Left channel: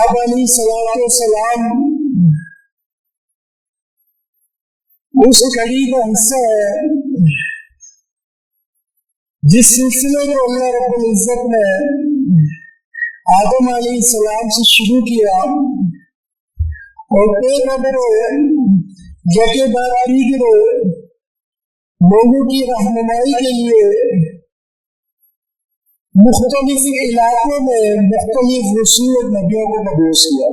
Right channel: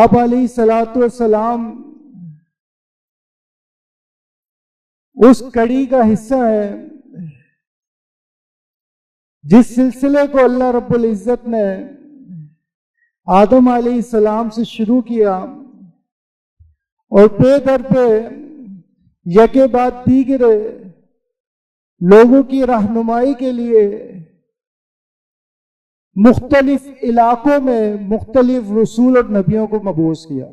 آپ علیہ الصلوۃ والسلام اس کڑی کا حصہ ہے جس سلسلے کو اللہ رب العزت نے آدم علیہ السلام سے شروع کیا اور پہ کر پہ یکے بعد دیگر لوگوں کی رہنمائی کے لیے مختلف علاقوں میں مختلف رسول اور نبیوں کو مبعوث کیا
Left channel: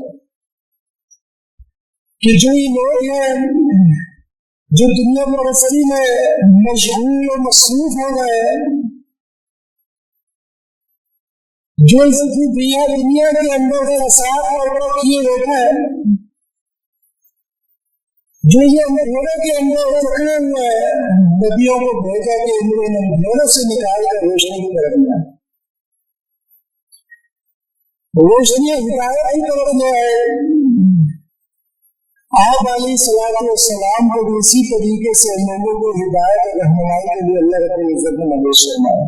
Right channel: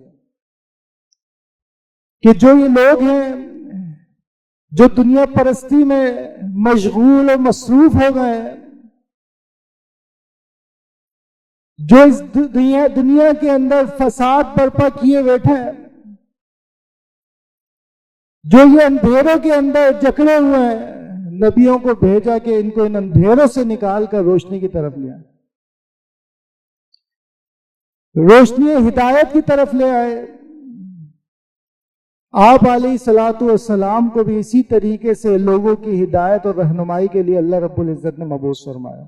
کہ جو یہ لوگ ہیں جو دنیا پرستی میں مشغول اور مصروف ہو گئے، جو اس دنیا کے اندر فساد برپا کیے بیٹھے ہیں، جو یہ اندھیروں کے اندر جکڑے ہوئے ہیں، نبیوں کو بھیجا کہ ان کو ان اندھیروں سے نکال کر روشنی کی طرف لے آئے، روشنی ہدایت کی طرف لے آئے۔ آپ علیہ الصلوۃ والسلام کو بھی اسی طریقے سے لوگوں کی ہدایت اور رہنمائی کے لیے اللہ رب العزت نے مبعوث فرمایا۔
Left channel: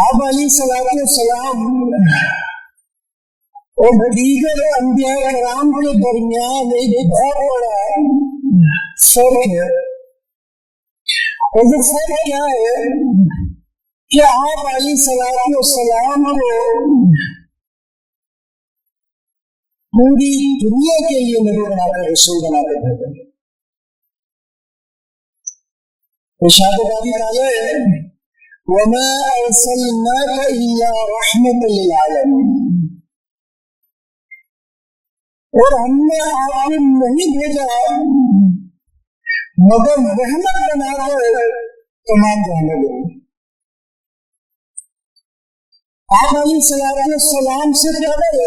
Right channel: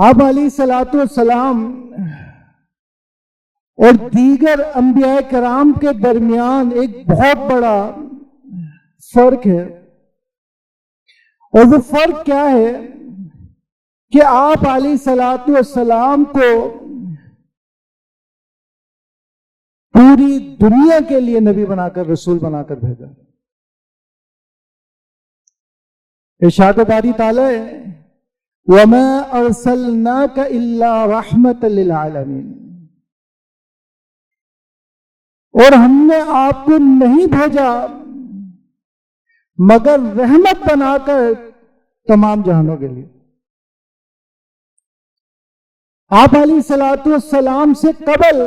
آپ علیہ الصلوۃ والسلام اور دیگر انبیاء کرام کے درمیان ایک بہت بڑا فرق ہے، اور وہ فرق کیا ہے کہ آپ علیہ الصلوۃ والسلام کو پوری دنیا کے لیے نبی بنا کر، رسول بنا کر بھیجا۔ ارشاد باری تعالیٰ ہے وَمَا أَرْسَلْنَاكَ إِلَّا رَحْمَةً لِلْعَالَمِينَ، اور ہم نے آپ کو نہیں بھیجا مگر رحمت بنا کر تمام جہانوں کے لیے۔ آپ علیہ الصلوۃ والسلام سے قبل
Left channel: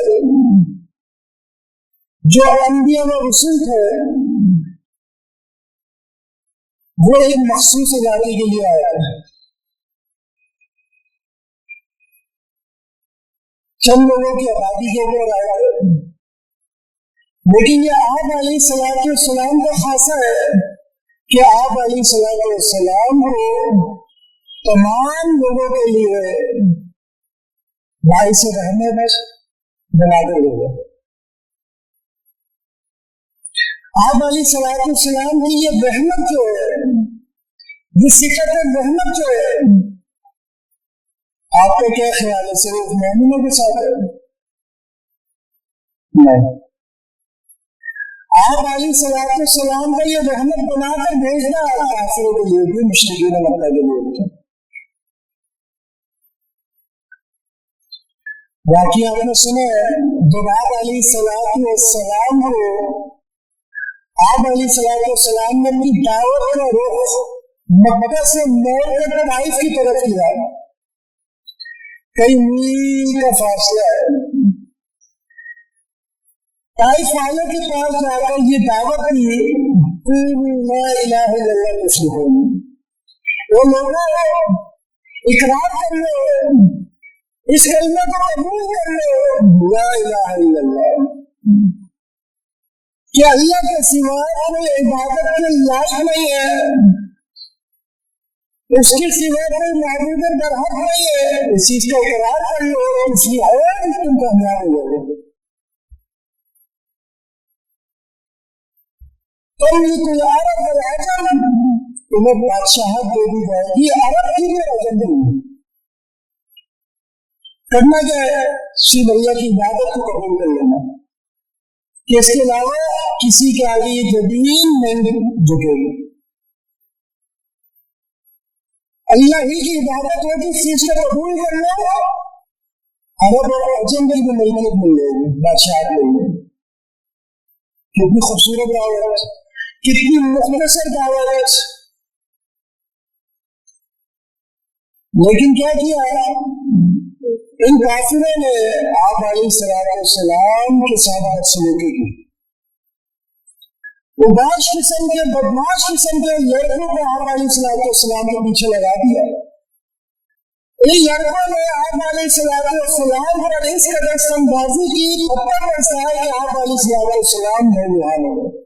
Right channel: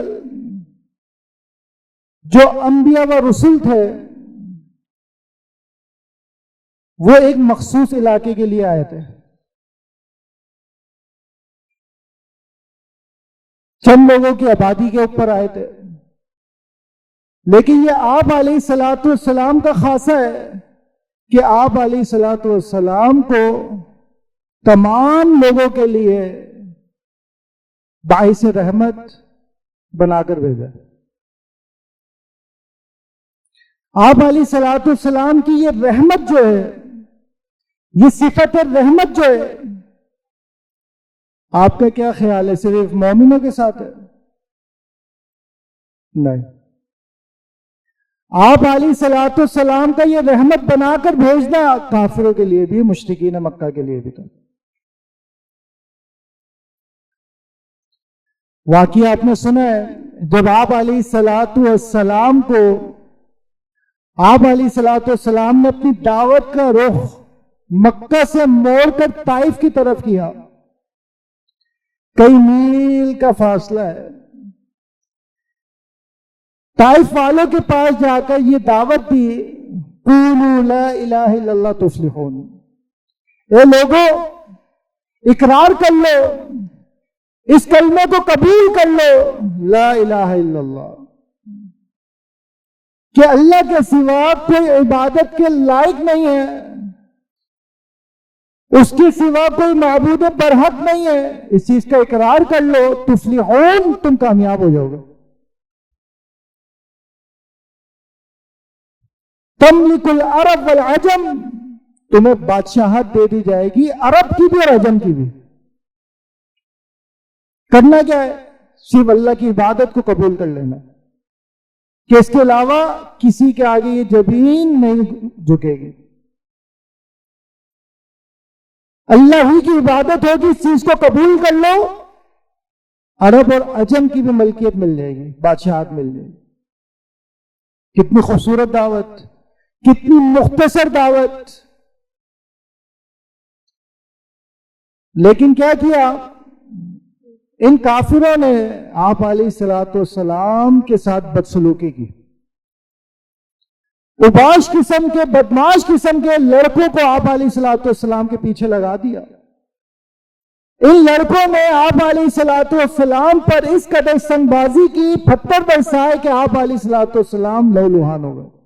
جو انبیاء و رسول تھے وہ ایک مخصوص علاقے کے لیے آئے تھے، چند لوگوں کی آبادی کے اوپر آئے تھے، لیکن یہ آپ علیہ الصلوۃ والسلام کا خاصہ ہے کہ آپ علیہ الصلوۃ والسلام کو تمام لوگوں کے لیے باعث رحمت بنا کر بھیجا۔ آپ علیہ الصلوۃ والسلام کی یہ رحمت جو ہے، یہ صفت رحمت جو ہے، آپ کا کیا خیال ہے صرف مومنوں کے ساتھ ہے؟ نہیں، آپ علیہ الصلوۃ والسلام کا یہ رحمت بنا کر بھیجنا کافروں کے لیے بھی، مشرکین مکہ کے لیے بھی۔ واقعہ آپ نے سنا ہے جب آپ علیہ الصلوۃ والسلام کو، آپ علیہ الصلوۃ والسلام نے اپنی دعوت کا رخ مکہ سے موڑ کر طائف کی طرف کیا، کئی میل کا فاصلہ ہے، طائف والوں کے پاس جا کر یہ دعوت دی قولوا لا الہ الا اللہ تفلحون، اے لوگوں اقرار کر لو، اس کلمے کو قبول کر لو، لا الہ الا اللہ، کہ اللہ کے سوا کوئی عبادت کے لائق نہیں ہے، اس کے سوا کوئی معبود برحق نہیں ہے، اس چیز کا اقرار کر لو، تفلحون، تم کامیاب ہو جاؤ گے۔ تملک العرب والعجم، تمہیں بادشاہت دے دی جائے گی عرب کی بھی اور عجم کی بھی۔ کرنا کیا ہے؟ صرف اللہ کی عبادت کو قبول کر لینا، کہ اس کے علاوہ کسی کے آگے یہ زمین نہیں جھکے گی، اللہ ہی کی عبادت ہوگی، اس چیز کو قبول کر لو، عرب اور عجم کی بھی ملکیت مل جائے گی، بادشاہت مل جائے گی۔ کتنی خوبصورت دعوت، کتنی مختصر دعوت، لیکن کیا کیا ان کافروں نے؟ آپ علیہ الصلوۃ والسلام کے ساتھ بدسلوکی کی، اوباش قسم کے، بدماش قسم کے لڑکوں کو آپ علیہ الصلوۃ والسلام کے پیچھے لگا دیا۔ ان لڑکوں نے آپ علیہ الصلوۃ والسلام پر اس قدر سنگ بازی کی، پتھر برسائے کہ آپ علیہ الصلوۃ والسلام لہولہان ہو گئے۔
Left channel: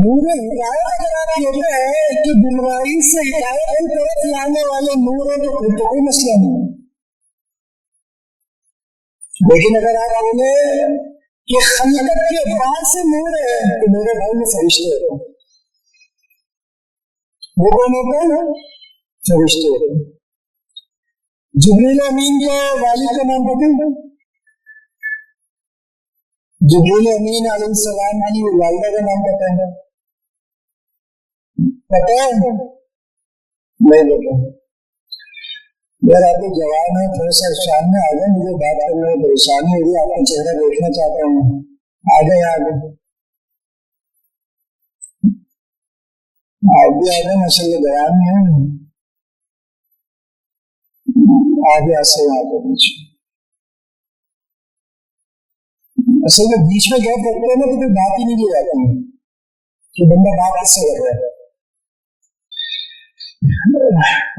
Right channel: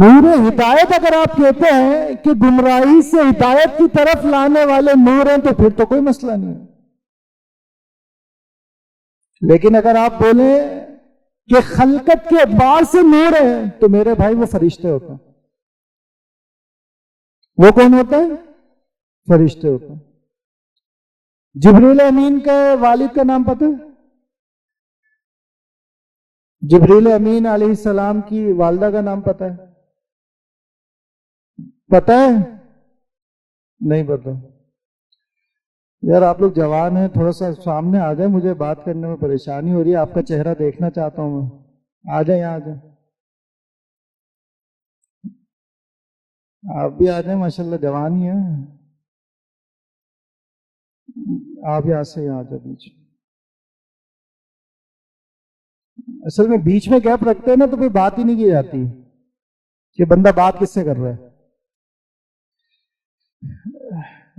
نور ہدایت اگر آپ کہتے ہیں کہ گمراہی سے ہدایت کی طرف لانے والے نور ہیں تو پھر تو کوئی مسئلہ نہیں ہے. لیکن اگر آپ بولیں کہ خلقت کے اعتبار سے نور ہے تو میرے بھائی وہ فرشتے ہوتے ہیں. وہ کون ہوتا ہے؟ فرشتے ہوتے ہیں. جبریل امین کے والد کا نام پتہ ہے؟ جبریل امین علیہ السلام کی والدہ کا نام پتہ ہے؟ پتہ ہے؟ نہیں پتہ. یار آپ لوگ جوان ہیں، تھوڑا سا سامنے آ جائیں، مجھے بات کرنے میں پریشانی ہو رہی ہے، آپ کا چہرہ دیکھنا چاہتا ہوں میں. آ جائیں آ جائیں، آپ بھی آ جائیں، ماشاء اللہ جوان ہی ہیں آپ بھی. آج سے یہاں آ جائیں بیچ. اصل میں بیچ میں گیپ رکھتے ہیں نا تو کوئی بات ہی نہیں کی جاتی کہ بندہ بات کس سے کر رہا ہے.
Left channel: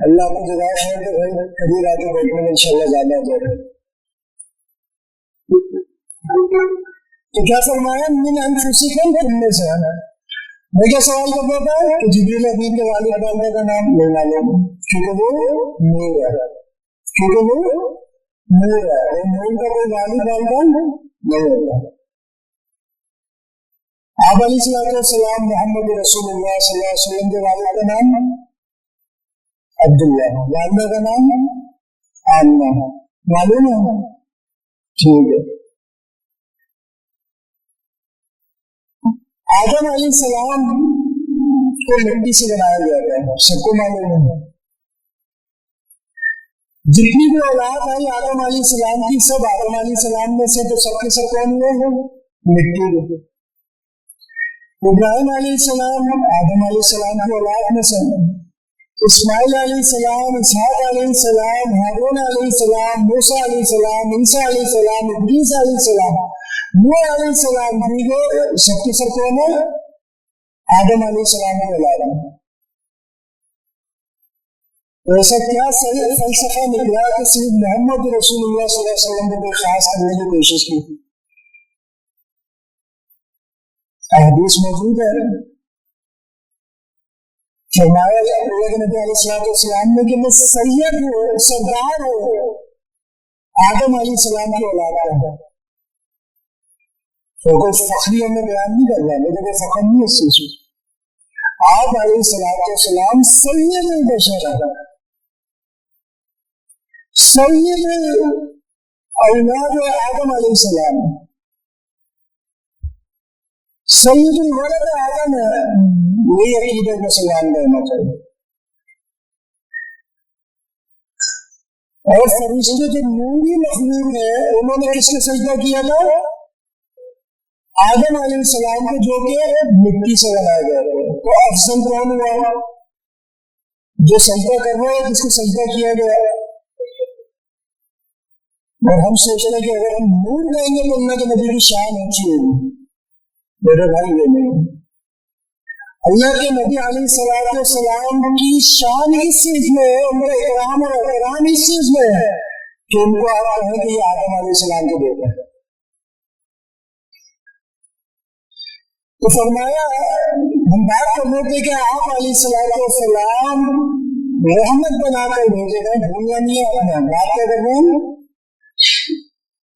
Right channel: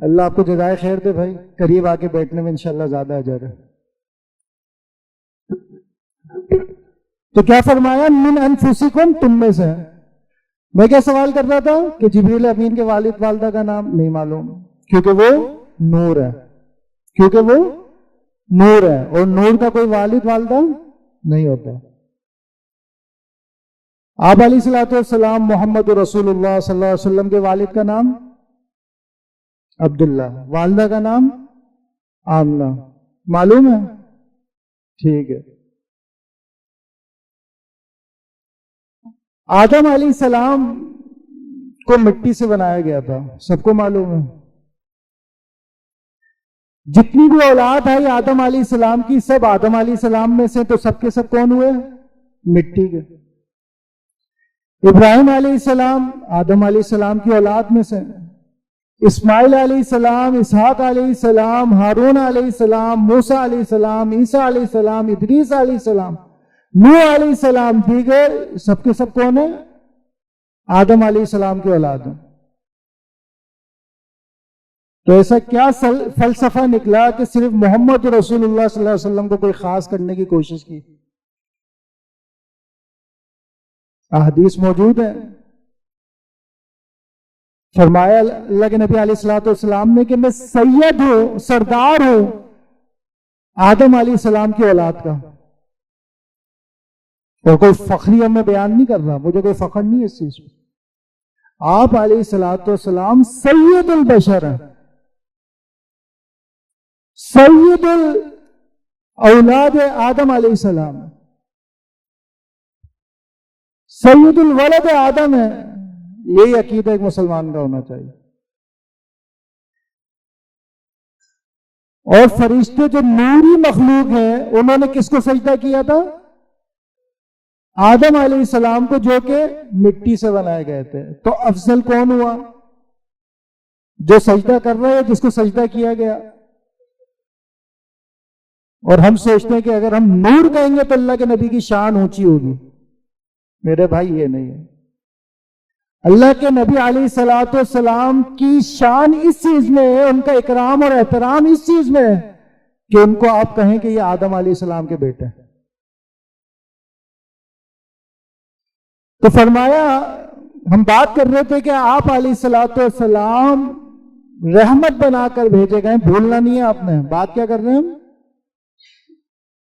اللہ آپ کو جزائے خیر دے بھائی، قریب آ کے بیٹھنے میں انشاءاللہ زیادہ اجر ہے. تو کیا فرمایا؟ من انفسکم، تم میں سے. میں کیا سوال کر رہا تھا کہ جبریل امین کے والد والدہ کا نام نہیں معلوم، کیونکہ وہ نور ہے. کیونکہ وہ نور ہے، اور نور کا کوئی والد والدہ نہیں ہوتا. آپ علیہ السلام محمد رسول اللہ صلی اللہ علیہ وسلم کے والد کا نام عبداللہ، والدہ کا نام آمنہ. معلوم ہے؟ ٹھیک ہے. آدم علیہ السلام کو مٹی سے بنایا گیا تھا، سب کو معلوم ہے. جتنی بھی اولاد ہے آدم علیہ السلام کی، سب آدم علیہ السلام میں سے، تو سب کے سب کون ہوئے؟ مٹی کے. ابراہیم علیہ السلام آدم علیہ السلام کی اولاد میں سے، اسماعیل علیہ السلام، اسحاق علیہ السلام، ہارون علیہ السلام، موسیٰ علیہ السلام، عیسیٰ علیہ السلام، ادریس علیہ السلام، نوح علیہ السلام، دیگر سب کے سب کون ہیں؟ آدم علیہ السلام کی اولاد ہیں. تو ایسا کیا فلسفہ نکلا کہ صرف محمد رسول اللہ صلی اللہ علیہ وسلم کو کوئی خاص کرنے کی کوشش کی؟ احادیث موجود ہے. فرمایا اللہ کے نبی علیہ السلام نے کہ میں سید ہوں، سردار ہوں آدم علیہ السلام کی اولاد کا. تو کوئی فخری میں بیان نہیں کر رہا، مجھے کوئی فخر نہیں ہے اس چیز میں. آپ علیہ السلام سید البشر ہیں، سید اولاد آدم علیہ السلام، سید الولد آدم ہے. یہی عقیدہ ایک مسلمان کا ہونا چاہیے. اور فرشتے جو نوری مخلوق ہیں انہوں نے کس کو سجدہ کیا تھا؟ آدم علیہ السلام کو، جو کہ مٹی سے بنائے گئے تھے. تو افضل کون ہوا؟ جو سجدہ کر رہے ہیں، جس کو سجدہ کیا گیا. اور ہم سوچتے ہیں کہ اگر ہم نور کہیں گے تو اللہ کے نبی کی شان اونچی ہوگی. میرے بھائی یہ نہیں. اللہ کے نبی علیہ السلام کی شان اس چیز میں ہے، ان کا اکرام اور احترام اس چیز میں ہے کہ ان کو آپ کہیں کہ یہ آدم علیہ السلام کے بیٹے ہیں. تو فرمایا، ہم بات کر رہے تھے کہ آپ علیہ السلام رحمت بنا کر بھیجے گئے. بھولنا نہیں ہے آپ نے، بات کیا کر رہے ہیں؟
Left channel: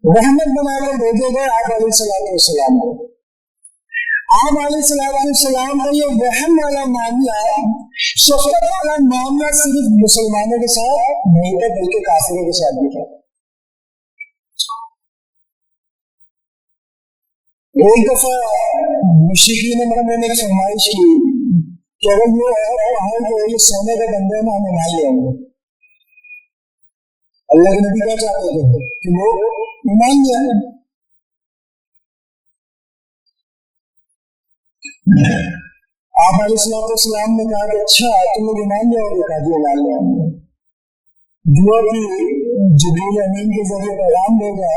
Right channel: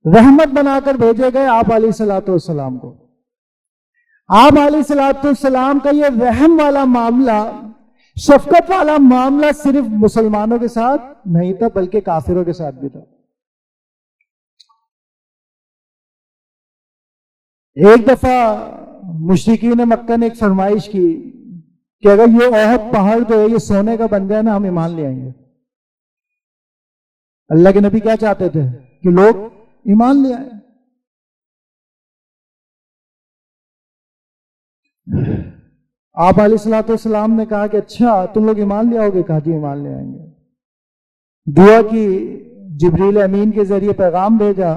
رحمت بنا کر بھیجے گئے آپ علیہ السلام کو. آپ علیہ السلام کا یہ رحم والا معاملہ، شفقت والا معاملہ صرف مسلمانوں کے ساتھ نہیں تھا بلکہ کافروں کے ساتھ بھی تھا. ایک دفعہ مشرکین مکہ نے ایک فرمائش کی کہ اگر یہ احد پہاڑ جو ہے یہ سونے کا بن جائے نا، ہم ایمان لے آئیں گے. اللہ کے نبی کیا چاہتے تھے؟ کہ لوگ ایمان لے آئیں. آپ علیہ السلام نے کہا کہ اچھا تم لوگ ایمان لے آؤ گے؟ کہا جی ایمان لے آئیں گے. دعا کی، جبریل امین کے ذریعے پیغام بھیجا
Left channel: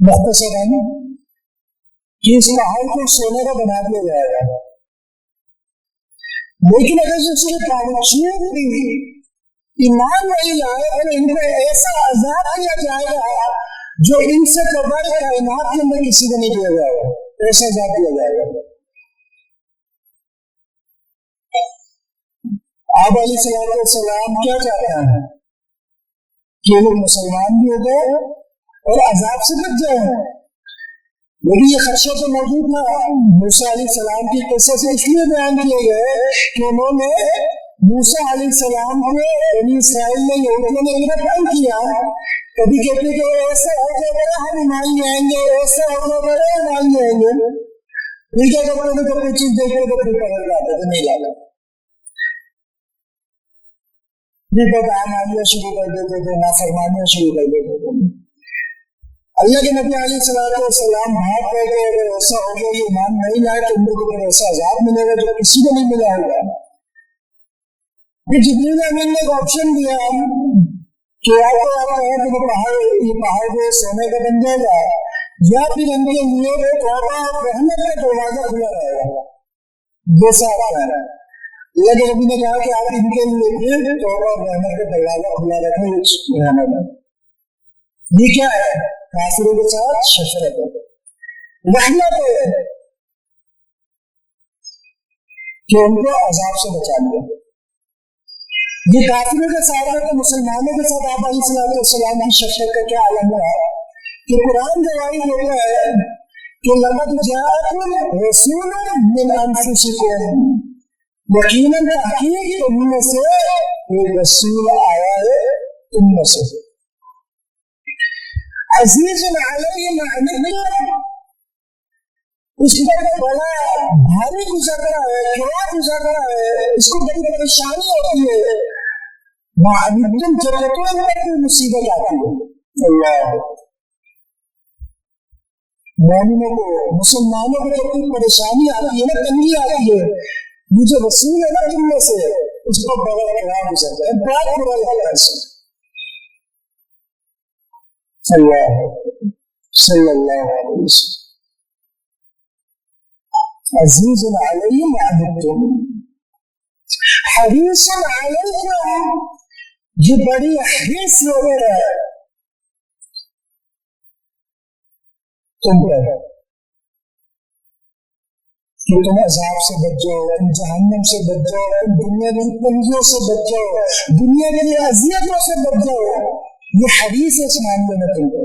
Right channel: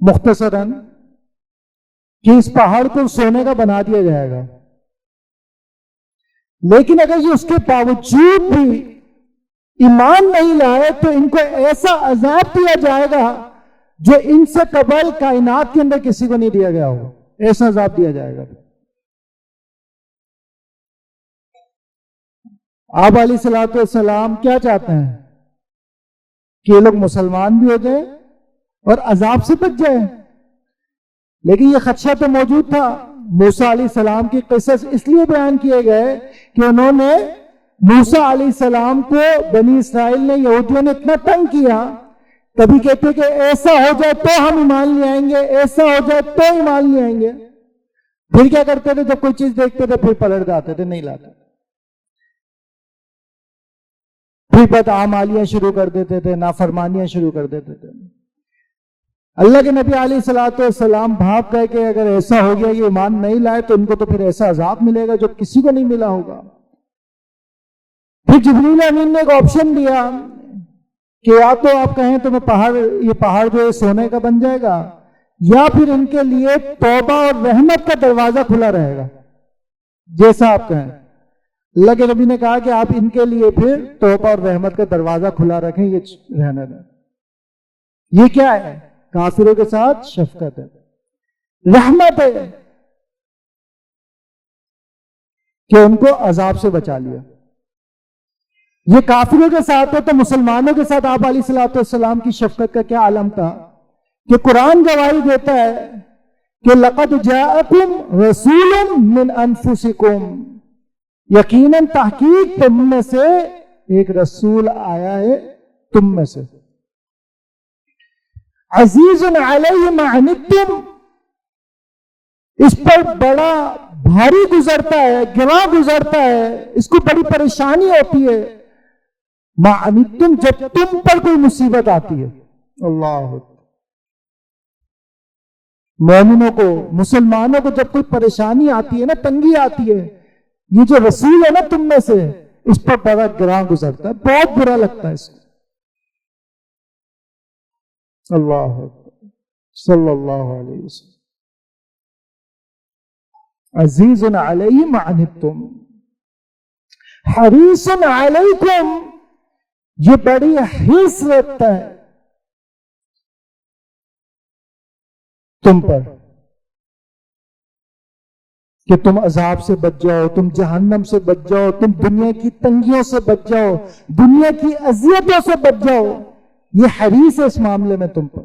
مختصراً کہ اس پہاڑ کو سونے کا بنا دیا جائے گا. لیکن اگر اس کے باوجود بھی ایمان نہیں لائے تو ان کو ایسا عذاب دیا جائے گا جو ان سے قبل کائنات کے اندر کسی کو نہیں دیا گیا ہو. ایسا عذاب دیا جائے گا۔ آپ علیہ الصلوۃ والسلام کیا چاہتے ہیں کہ یہ لوگ مسلمان بھی ہو جائے اور عذاب سے بچ جائیں، لیکن یہ خدشہ تو موجود تھا۔ موسیٰ علیہ السلام کی قصص اس لیے بیان کیے گئے کہ انہوں نے موسیٰ علیہ السلام کو بنی اسرائیل نے، یہودیوں نے اتنا تنگ کیا، کبھی کہتے کہ ایسا ہو جائے تو ہم ایمان لے آئیں گے، ایسا ہو جائے تو ایمان لے آئیں گے، پھر کیا کرتے تھے؟ جب کوئی چیز دیکھتے تھے پھر پلٹ جاتے تھے، نہیں لاتے، پھر بدعمالیاں شروع کر دیتے تھے، نافرمانیاں شروع کر دیتے تھے۔ اللہ کے نبی علیہ الصلوۃ والسلام بھاگ گئے کہ اگر ایسا ہو گیا یہ ایمان نہیں لائے تو ان کو تو پھر ایسا عذاب ملے گا جو کسی کو نہیں ملا ہوگا۔ پھر جبریل امین نے ایک آپشن دیا کہ یا تو آپ کہیں تو یہ پہاڑ جو ہے سونے کا بن جائے گا، یا پھر ان کے لیے توبہ اور رحمت کا دروازہ کھلا رہے گا، جیسا آپ کہیں۔ اللہ کے نبی نے کہا کہ آپ ان کے لیے پھر توبہ اور رحمت کا دروازہ کھلا رکھیں گے رہنے میں۔ یہ کیا ہے؟ کافروں کے ساتھ شفقت ہے، رحمت ہے کہ ان کو عذاب سے بچا لیا۔ یہ کافروں کے ساتھ ہے تو مسلمانوں کے ساتھ آپ علیہ الصلوۃ والسلام کی شفقت کا کیا عالم تھا کہ قرآن گواہی دیتا ہے کہ لقد جاءکم رسول من انفسکم، یقیناً تحقیق تم میں سے ایک رسول آیا ہے تم میں سے، عزیز علیہ ما عنتم، اس پر بڑا بھاری گزرتا ہے، گراں گزرتا ہے، اس کو بڑی پریشانی ہوتی ہے، ما عنتم، جب تم پر کوئی مصیبت آتی ہے۔ اللہ، مومنوں کو، مسلمانوں کو جب کوئی پریشانی آتی ہے نا، تنگی آتی ہے، یہ جو رسول ہے نا تم میں سے، اس پر بڑا گراں گزرتا ہے، بہت برا لگتا ہے اس کو۔ اللہ صلی اللہ علیہ وسلم، عزیز علیہ ما عنتم حریص علیکم، یہ بڑی حرص رکھتا ہے تم پر کہ تم عذاب سے بچ جاؤ، تم جہنم سے بچ جاؤ، تم دنیا کی تنگیوں سے بچ جاؤ، دنیا کی اذیتوں سے بچ جاؤ، یہ حریص ہے اس معاملے میں تم پر۔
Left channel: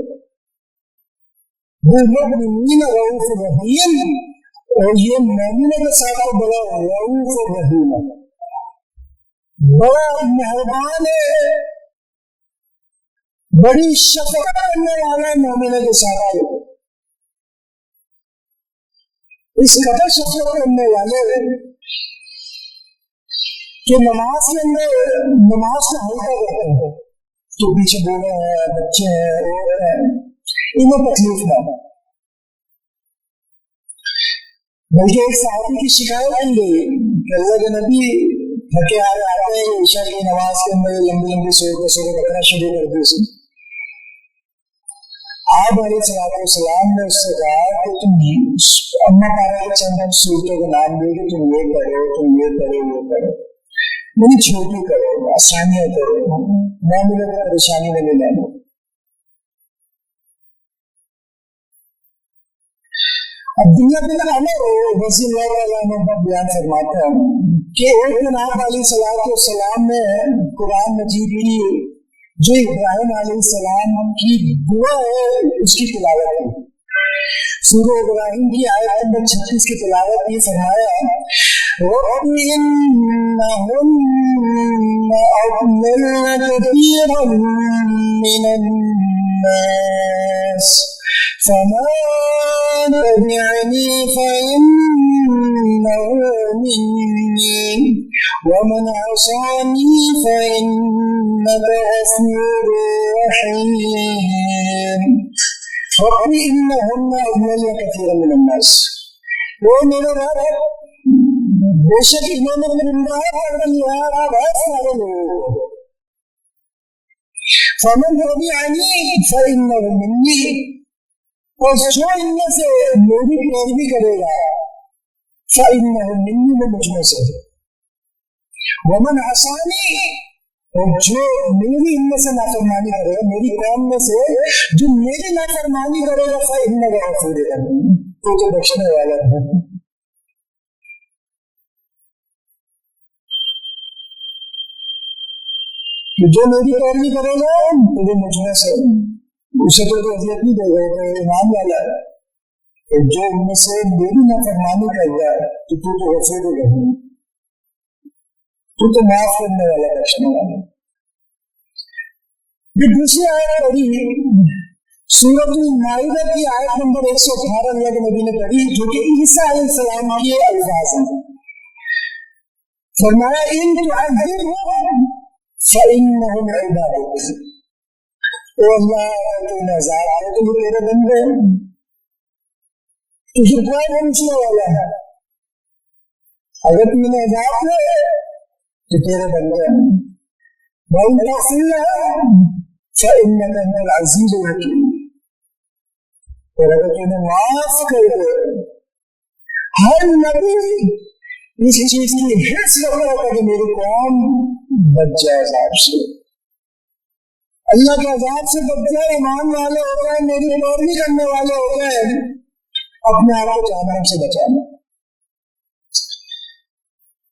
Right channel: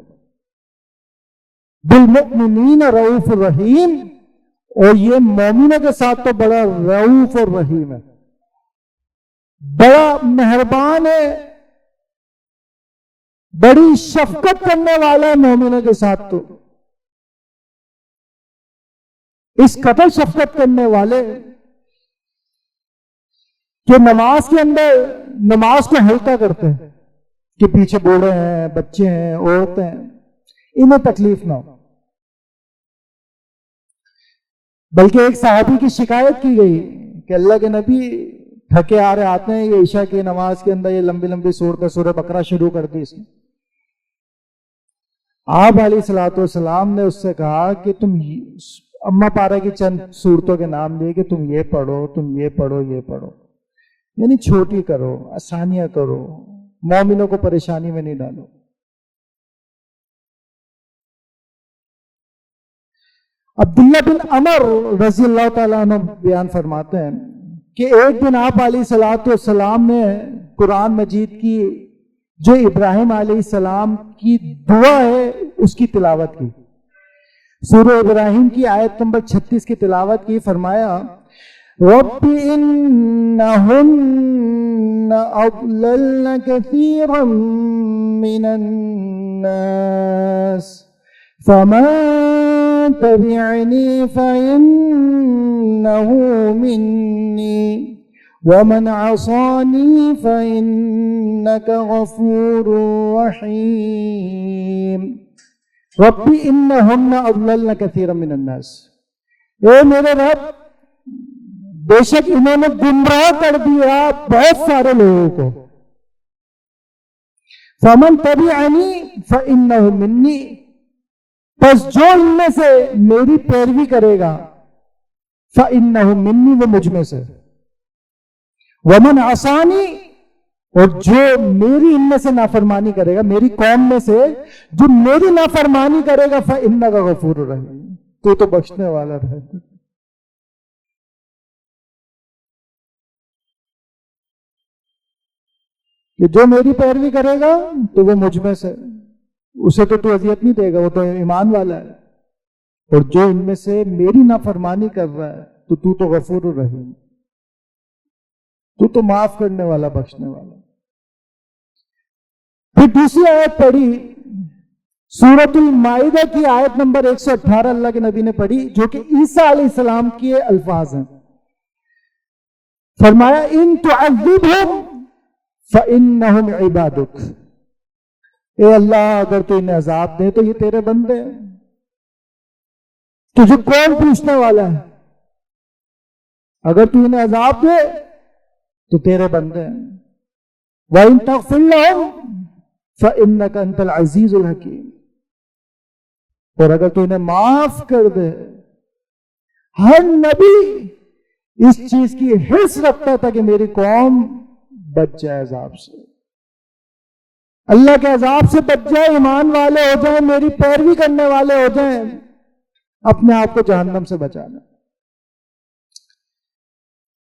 بالمؤمنین رؤوف الرحیم، اور یہ مومنوں کے ساتھ تو بڑا رؤوف اور رحیم ہے، بڑا مہربان ہے، بڑی شفقت کرنے والا ہے مومنوں کے ساتھ۔ تو اس قدر شفقت کرنے والے کہ نماز کے اندر نماز کو ہلکا کرتے ہیں کہ پیچھے بوڑھے ہیں، بچے ہیں، عورتیں ہیں، انہیں تکلیف نہ ہو۔ بلکہ ایک صحابی کی شکایت کی گئی کہ اللہ کے نبی تھکے آ رہے آتے ہیں، یہ عشاء کی نماز کے اندر یہ لمبی لمبی سورہ بقرہ شروع کر دی اس نے۔ آپ علیہ الصلوۃ والسلام نے اس سے کہا کہ تم اما پارہ کی چند صورتوں کے نام دیے کہ تم یہ پڑھو، تم یہ پڑھو، یہ پڑھو، یعنی چھوٹی کرو، آسانیاں کرو، مومنوں کو پریشانی میں نہیں ڈالو۔ عبداللہ بن عمر رضی اللہ تعالیٰ عنہ بیان فرماتے ہیں کہ ایک دن آپ علیہ الصلوۃ والسلام نے قرآن مجید کی جو ابراہیم علیہ السلام کی دعا ہے اس کی تلاوت کی، سورہ ابراہیم کی آیت نمبر 36 کی تلاوت کی۔ فرمایا رب انہن اضللن کثیرا من الناس فمن تبعنی فإنه منی ومن عصانی فإنک غفور رحیم۔ رب انہن اضللن کثیرا من الناس، اے میرے رب بے شک انہوں نے گمراہ کر دیا بہت سارے لوگوں کو۔ فمن تبعنی فإنہ منی، پس جو ان میں سے میری پیروی کرے گا فإنہ منی، وہ مجھ میں سے۔ ومن عصانی، اور جو میری ان میں سے نافرمانی کرے گا، میری قوم میں سے جو میری نافرمانی کرے گا فإنہ غفور رحیم، تو بخشنے والا ہے. جو میری پیروی کرے گا تو وہ مجھ میں سے، اسے تو اذیت نہیں دے گا، وہ تو ایمان والا ہے. اور جو ان میں سے میری نافرمانی کر رہا ہے تو غفور الرحیم، تو معاف کرنے والا، بخشنے والا. پھر دوسری آیت پڑھی سورۃ المائدہ کی آیت نمبر 118 اللہ کے نبی نے پڑھی، جو کہ عیسیٰ علیہ السلام کے الفاظ ہیں. فرمایا ان تعذبہم فإنہم عبادک، اے اللہ اگر تو انہیں عذاب دے تو یہ تیرے بندے ہیں، تجھے کون پوچھنے والا ہے؟ اگر تو انہیں عذاب دے تو تیرے بندے ہیں. وَإِن تَغْفِرْ لَهُمْ فَإِنَّكَ أَنْتَ الْعَزِيزُ الْحَكِيمُ، اور اگر تو انہیں معاف کر دے. ہر نبی اس چیز کی حرص رکھتا تھا کہ میری قوم بچ جائے عذاب سے، اللہ کے عذاب سے بچ جائے، ایمان والے ہو جائیں، میری پیروی کرنے والے ہو جائیں، اپنے آپ کو جہنم سے بچانا.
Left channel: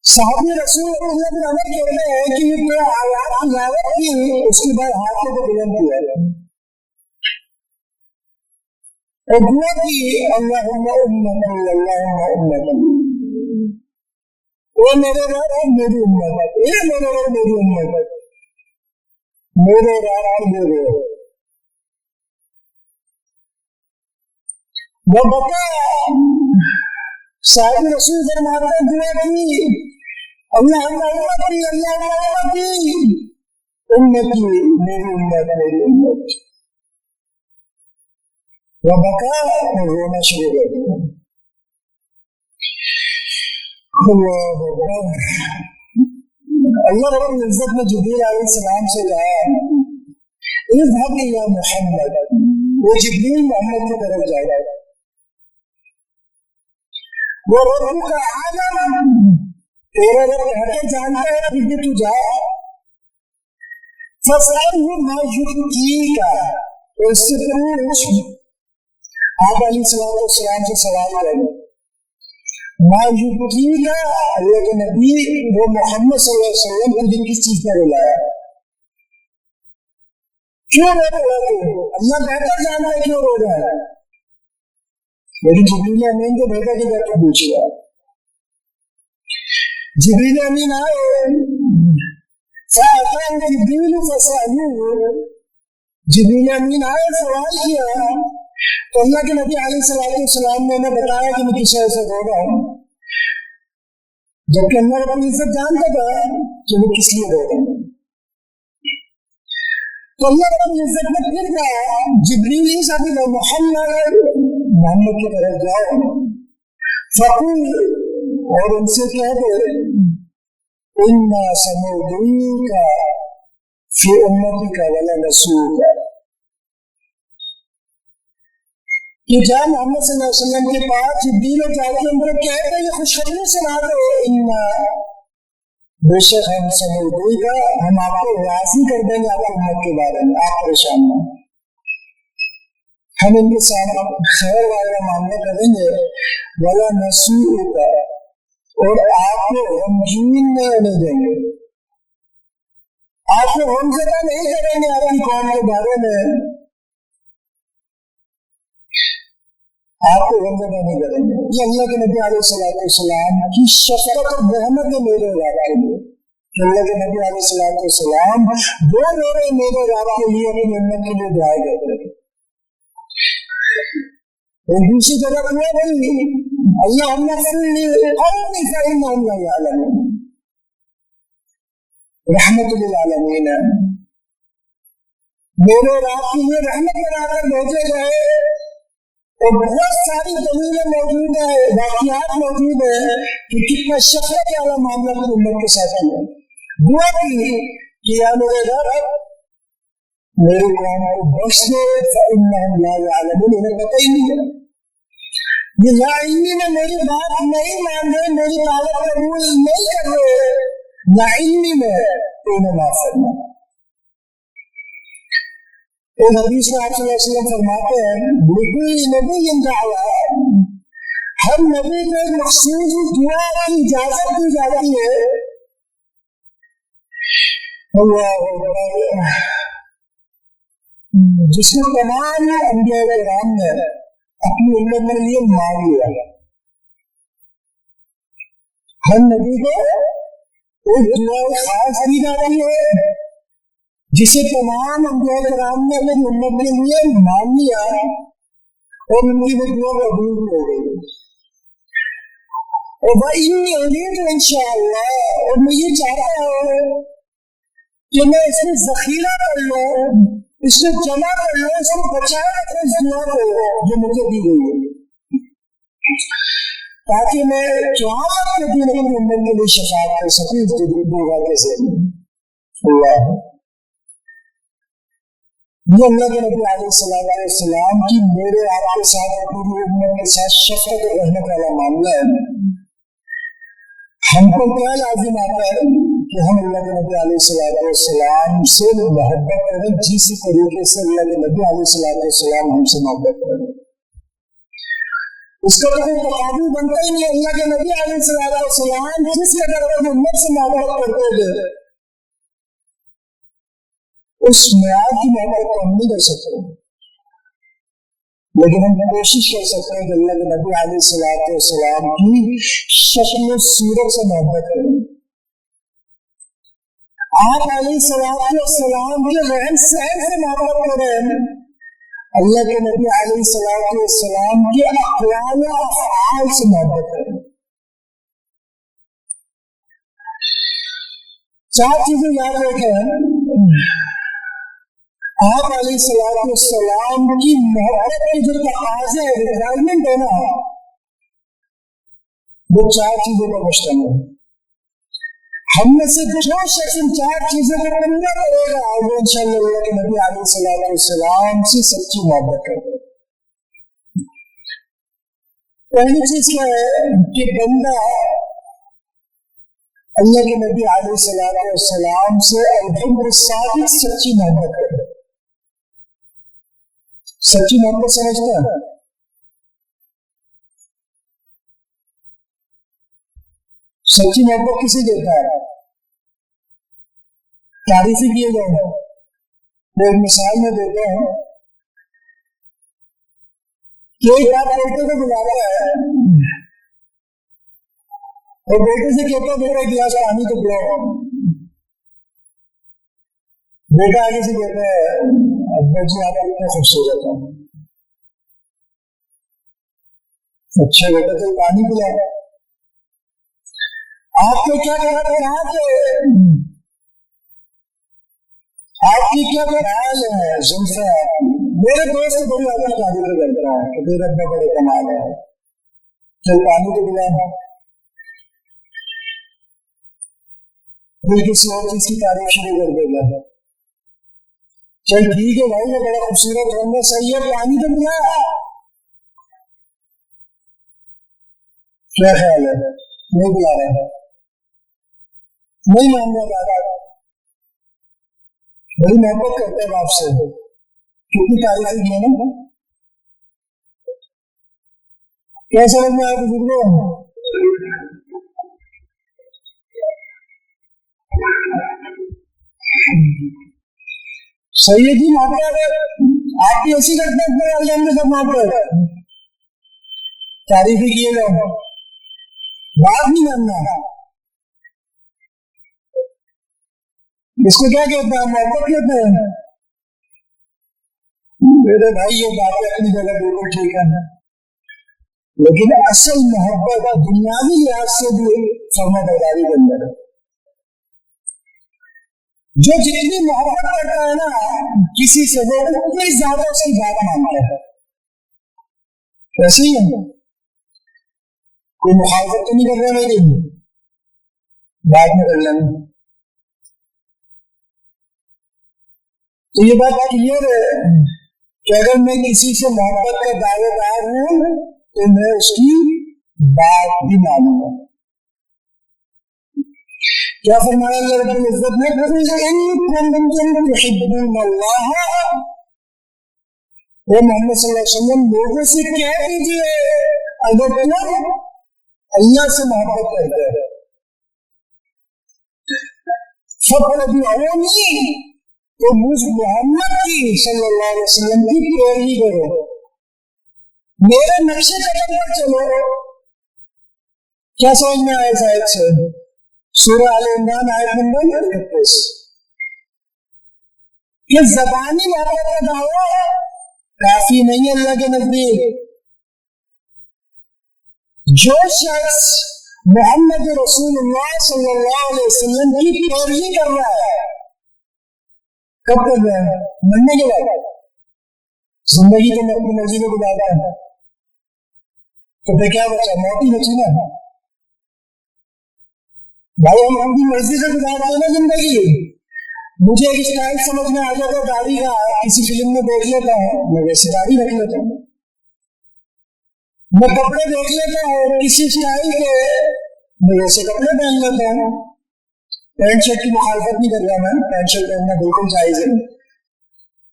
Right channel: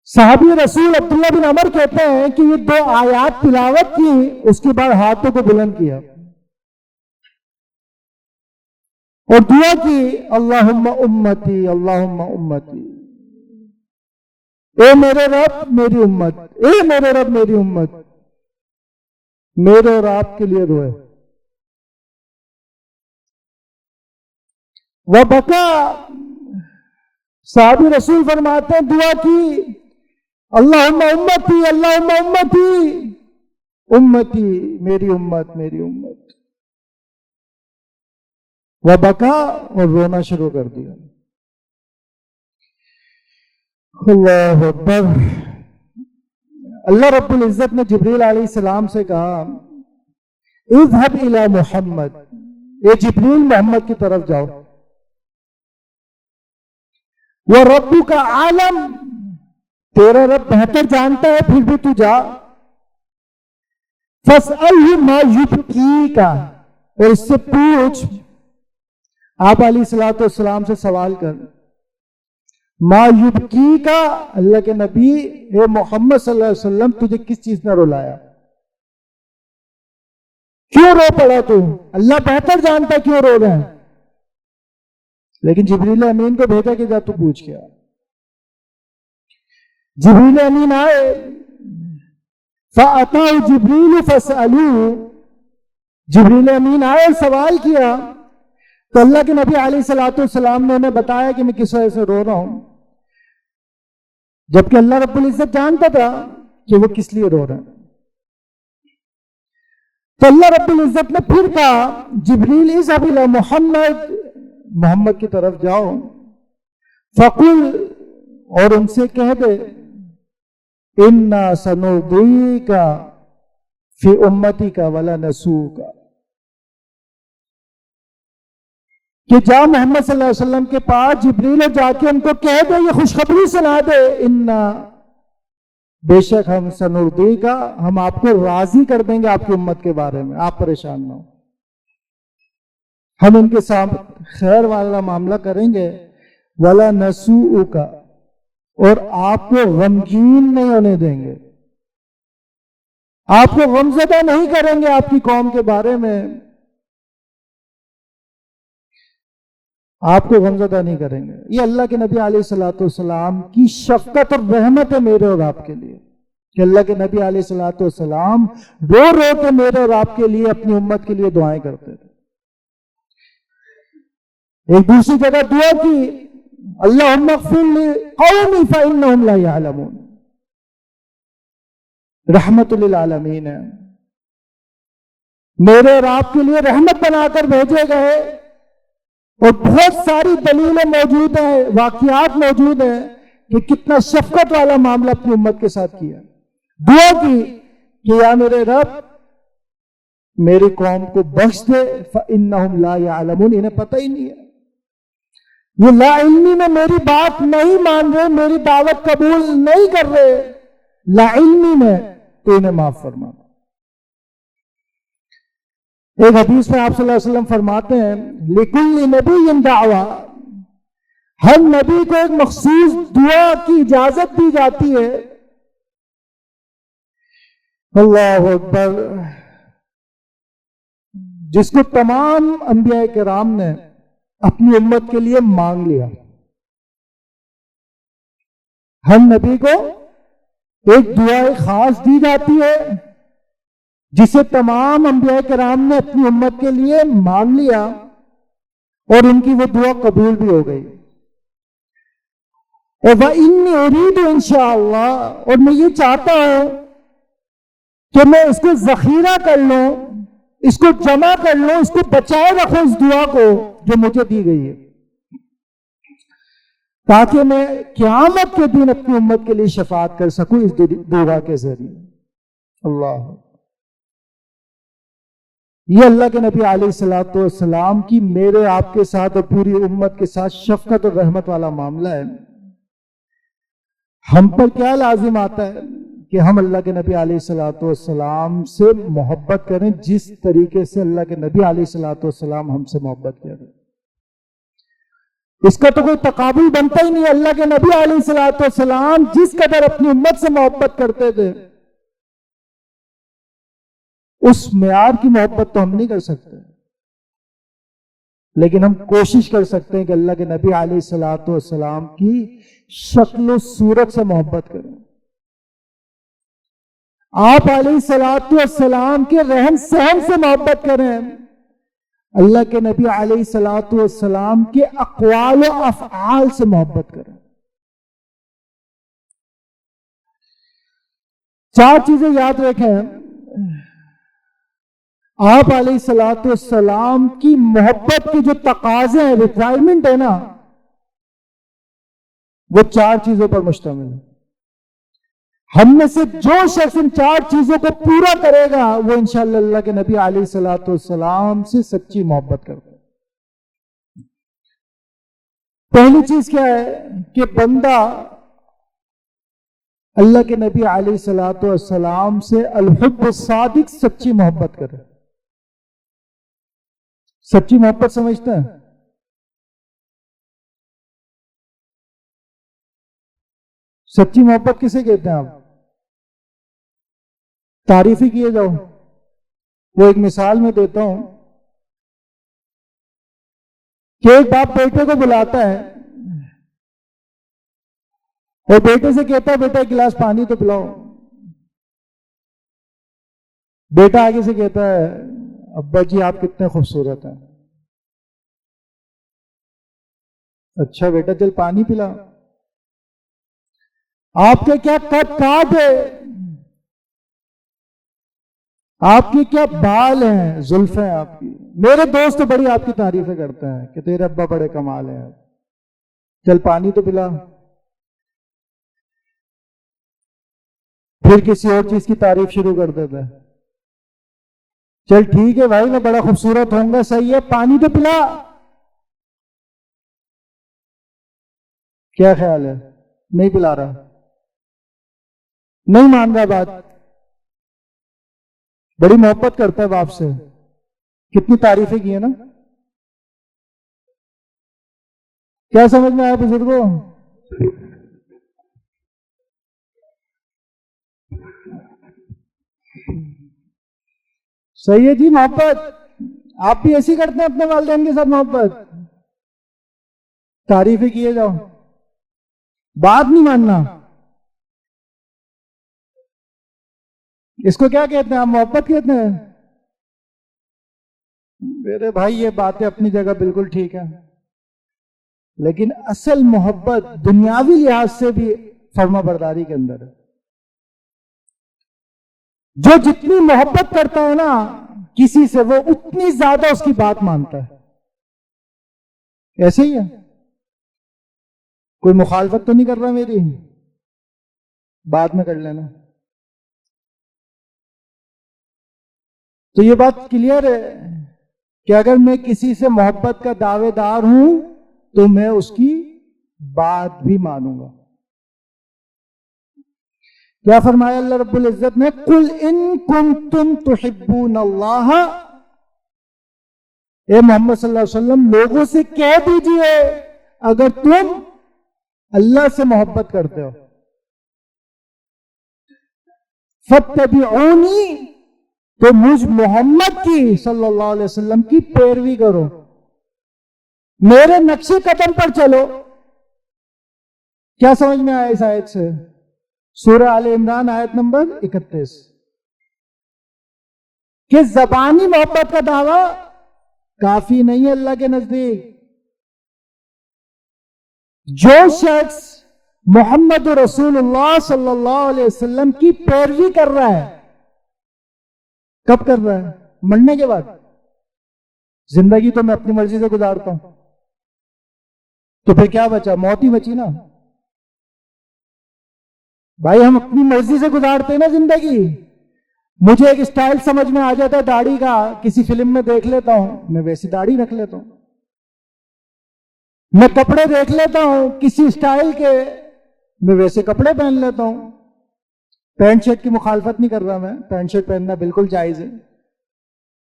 صحابی رسول عبداللہ بن عمر کہتے ہیں کہ یہ 2 آیات تلاوت کی، اس کے بعد ہاتھوں کو بلند کیا اور دعا کی اللہم امتی اللہم امتی، اے میرے رب میری امت، اے میرے رب میری امت. میرے اور آپ کے لیے روئے. وبکا، صحابی رسول فرماتے ہیں دعا کی اللہم امتی اللہم امتی، امتی میری امت میری امت. وبکا، اور رونا شروع کر دیا. اللہ اکبر. اللہ رب العزت نے جبریل علیہ السلام سے کہا اذهب الى محمد، یہ جبریل محمد کی طرف جاؤ. وَرَبُّكَ عَالَمٌ، تیرا رب بہتر جانتا ہے، پھر بھی تو جا. فَاسْأَلْهُ مَا يُبْكِيكَ، اور اس سے پوچھ، آپ علیہ السلام سے سوال کر. ما یبکیکا، اللہ کے نبی وہ محمد صلی اللہ علیہ وسلم تجھے کس چیز نے رلایا، کیوں رو پڑا تو؟ اللہ بہتر جانتا ہے کیوں رو رہا ہے، لیکن جبریل امین کو بھیجا کہ جا تو پوچھ گیا. جبریل امین آئے، فَأَتَاهُ جِبْرِيلُ فَاسْأَلُوهُ، جبریل امین آئے سوال کیا تو اللہ کے نبی علیہ السلام نے انہیں بتایا کہ میں کس وجہ سے رو رہا ہوں، جبکہ اللہ رب العزت جانتا تھا کہ وہ کس لیے رو رہا ہے. تو اللہ رب العزت نے پھر کہا جبریل اذهب الى محمد، محمد کی طرف جاؤ. فقل، اور ان سے کہہ دے انا سنرضیک فی امتک ولا نسوک، کہ جا محمد صلی اللہ علیہ وسلم کے پاس جبریل جا کے ان کو کہہ دے، یہ خوشخبری سنا دے، انا بے شک ہم سنرضیک، ہم آپ کو راضی کر دیں گے آپ کی امت کے بارے میں، آپ پریشان نہ، ہم ان کے ساتھ خیر والا معاملہ کریں گے. ولا نسوءک، اور آپ کو غمگین نہیں ہونے دیں گے، آپ کو غمزدہ نہیں کریں گے آپ کی قوم کے بارے میں، آپ کو غمزدہ نہیں کریں گے. یہ اللہ کے نبی علیہ السلام کی شفقت اور رحمت ہے میرے اور آپ کے لیے، کہ اللہ کے نبی علیہ السلام رو رو کے میرے اور آپ کے لیے، اپنی امت کے لیے دعائیں کرتے تھے. ایک دوسری جگہ دعا کی اللہم اغفر لی قومی فإنہم لا یعلمون، رحمت للعالمین ہے، میرے اور آپ کے لیے رحمت بنا کر بھیجے گئے. اور بہت ساری دلیلیں موجود ہیں، واقعات موجود ہیں کہ کتنا شفقت والا معاملہ اپنی امت کے ساتھ کیا. دعا کی کہ یا میرے رب میری قوم کو بخش دے، فإنہم لا یعلمون، انہیں پتہ ہی نہیں ہے، یہ لا علمی میں میری بات نہیں مان رہے، میری دعوت قبول نہیں کر رہے، لا علمی میں، تو انہیں معاف فرما. ایک حدیث میں آپ صلی اللہ علیہ وسلم فرماتے ہیں لِكُلِّ نَبِيٍّ دَعْوَةٌ، ہر نبی کو ایک مخصوص دعا کی اجازت دی جاتی ہے. اللہ اکبر. جس کو تمام انبیاء کرام نے اپنی امت کے لیے مانگ لیا. ہر نبی کو ایک دعا خاص دی جاتی ہے جسے تمام انبیاء کرام نے اپنی امت کے لیے مانگ لیا اور ان کی وہ دعا قبول بھی ہو گئی. اور وَإِنِّي أُرِيدُ إِنشَاءَاللَّهُ، اور میں یہ چاہتا ہوں کہ میں اس کو ذخیرہ کر لوں، اس کو جمع کر لوں، اس کو بچائے رکھوں اس دعا کو جو مجھے دی گئی ہے، تاکہ میں قیامت کے دن اپنی امت کے لیے شفاعت کر سکوں اس دعا کے ذریعے. اللہ، یہ اللہ کے نبی علیہ الصلوۃ والسلام کی میرے آپ کے ساتھ اور پوری امت کے ساتھ شفقت اور رحمت والا معاملہ ہے. ہم پر کیا لازم آتا ہے کہ ہم اللہ کے نبی علیہ الصلوۃ والسلام سے محبت کریں جس طریقے سے اللہ کے نبی علیہ الصلوۃ والسلام ہم سے محبت کریں. اس کا تو کوئی تقابل بنتا ہی نہیں. اللہ کے نبی علیہ الصلوۃ والسلام جس قدر اپنی امت سے محبت کرتے تھے اس معیار کی محبت تو ہم نہیں کر سکتے، لیکن ہم کوشش کر سکتے ہیں کہ اللہ کے نبی علیہ الصلوۃ والسلام کی شکل و صورت سے محبت کریں، آپ علیہ الصلوۃ والسلام کے رہن سہن سے محبت کریں، اللہ کے نبی علیہ الصلوۃ والسلام کے اقوال و افعال سے محبت کریں. 4 چیزیں یاد رکھیں. آپ علیہ الصلوۃ والسلام کی محبت کے جو تقاضے ہیں، ریکوائرمنٹ ہے نا، وہ 4 چیزوں پر مشتمل ہے. ہم میں سے جو شخص ان 4 چیزوں کو پورا کرے گا وہ انشاءاللہ اللہ کے نبی علیہ الصلوۃ والسلام سے سچی محبت کرے گا. پہلی چیز کیا ہے کہ بندہ اللہ کے نبی علیہ الصلوۃ والسلام سے الحب الصادق سچی محبت کرے. سچی محبت سمجھتا ہے؟ سچی محبت کسے کہتے ہیں آپ؟ تعریفی کیے جاؤ. وہ ایک مثال میں دیتا ہوں کہ ایک باپ بیٹے کو بلاتا ہے اور بیٹے سے کہتا ہے بیٹا ایک گلاس پانی تو پلاؤ. بیٹا آگے سے کہتا ہے ابا جی آپ کتنے خوبصورت ہیں. اچھا بیٹا چل پانی پلا. آپ کے کیا قد کاٹ ہے، آپ کی کیا بال ہیں، زلفیں آپ کی. میرے دوست بڑی آپ کی تعریفیں کرتا ہے کہ تیرے ابا بڑے کمال ہیں، چل پانی تو پلا. پھر کسی اور چیز کی تعریف شروع کر دیتا ہے. چل ٹھیک ہے بھائی میں بڑا خوبصورت ہوں گا، صحیح ہے پانی تو پلا. کیا خیال ہے؟ نہیں پلا رہا، نہیں مان رہا بات. بڑی محبت کرتا ہے باپ سے، کتنی تعریفیں کی ہیں نا. کیا سمجھ میں آیا بزرگوں؟ صحیح ہے جی. محبت آپ بھی ایسی کرتے ہیں اپنے والدین کے ساتھ محبت، تعریفیں کیے جاؤ، بات نہیں ماننا. اس کو کیا کہتے ہیں آپ؟ محبت کہتے ہیں. میرے بھائی یہ باتیں اپنی جگہ بالکل ٹھیک ہیں، لیکن اصل محبت دنیاوی لحاظ سے بھی فرما برداری کے اندر ہے. جو جتنی محبت کرتا ہے نا کسی سے وہ اتنی زیادہ اس کی بات مانتا ہے. ایسے ہی ہے. کوئی مخالفت تو نہیں کر رہا میری؟ بعد میں کر لینا. تو یہ بات کلیئر ہے کہ اگر میں کسی سے محبت کا دعوے دار ہوں تو میں اس کی بات بھی مانوں گا. کیا فرمایا اللہ رب العزت نے؟ قُلْ إِن كُنتُمْ تُحِبُّونَ اللَّهَ، اے محمد صلی اللہ علیہ وسلم لوگوں سے کہہ دیجئے اگر تم اللہ سے محبت کرتے ہو فاتبعونی، تو مجھ محمد کی صلی اللہ علیہ وسلم کی پیروی کرو، میرے نقش قدم پر چلو۔ کیا سمجھ میں آیا اس آیت سے؟ سورہ آل عمران آیت نمبر 31، کہ زبانی محبت کا دعویٰ کافی نہیں ہے اللہ کے نزدیک۔ جو شخص محمد رسول اللہ صلی اللہ علیہ وسلم کی پیروی کر رہا ہے، کب کر رہا ہے؟ مرنے کے بعد۔ زندگی تو میں اپنی مرضی سے گزارتا ہوں، تو پھر کیا بچا؟ موت ہی بچی نا بھائی، ہم اپنی مرضی سے گزارتے ہیں نا زندگی۔ مجھے ایک اسٹائل سمجھ میں آ جاتا ہے داڑھی کا، کسی فلم میں دیکھ لیتا ہوں، میں ویسی داڑھی رکھ لیتا ہوں۔ میں کپڑے دیکھ لیتا ہوں کسی اسٹائل کے، میں ویسے کپڑے پہن لیتا ہوں۔ پینٹ شرٹ کی مخالفت نہیں کر رہا میں، پینٹ شرٹ پہننا بالکل جائز ہے،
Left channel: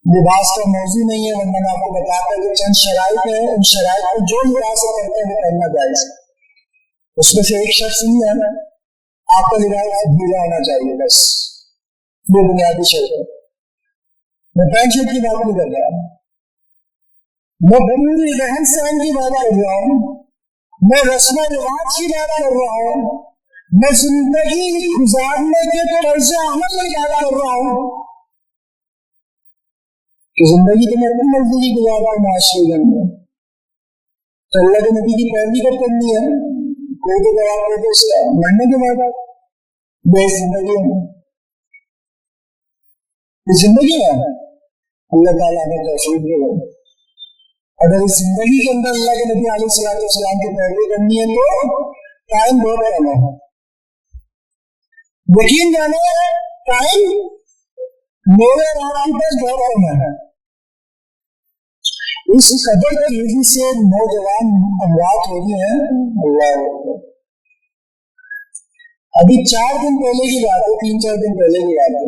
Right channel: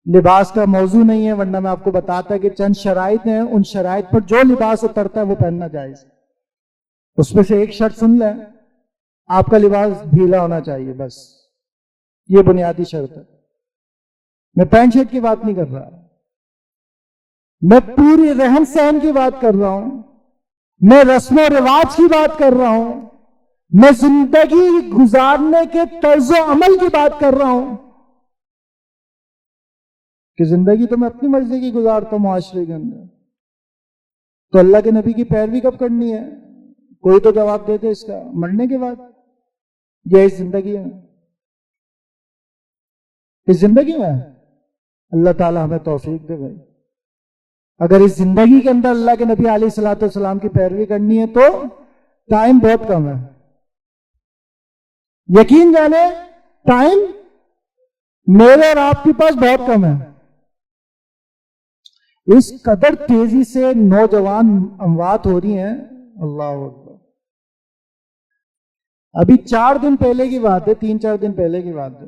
لباس کا موضوع نہیں ہے، ورنہ میں آپ کو بتاتا کہ چند شرائط ہیں، ان شرائط پر جو لباس اترتا ہے وہ پہننا جائز ہے۔ اس میں سے ایک شرط سن لیں، آپ کا لباس ڈھیلا ہونا چاہیے، بس یہ بنیادی شرط ہے۔ میں پینٹ شرٹ کی بات نہیں کر رہا، میں پوری رہن سہن کی بات کر رہا ہوں، میں رسم و رواج کی بات کر رہا ہوں، میں زندگی گزارنے کے طرز و عمل کی بات کر رہا ہوں، کہ زندگی تو میں اپنی مرضی کی گزارتا ہوں معاشرے کے اندر، تو اللہ کے نبی کی پیروی کب کرنی ہے؟ کوئی تو جواب دے دے اس کا، مرنے کے بعد یا اس زندگی میں؟ اس زندگی میں اللہ تعالیٰ ہمیں توفیق دے گا۔ اگر اس زندگی کے اندر اللہ کے نبی علیہ الصلوۃ والسلام کی پیروی کرنی ہے تو ٹائم بہت کم ہے، یقین جانے ٹائم میرے اور آپ کے پاس بہت کم ہے۔ اس قدر تیزی سے نوجوان اموات ہو رہی ہیں، اللہ اکبر۔ ابھی 4 دن پہلے کی بات ہے، 3-4 دن پہلے کی بات ہے،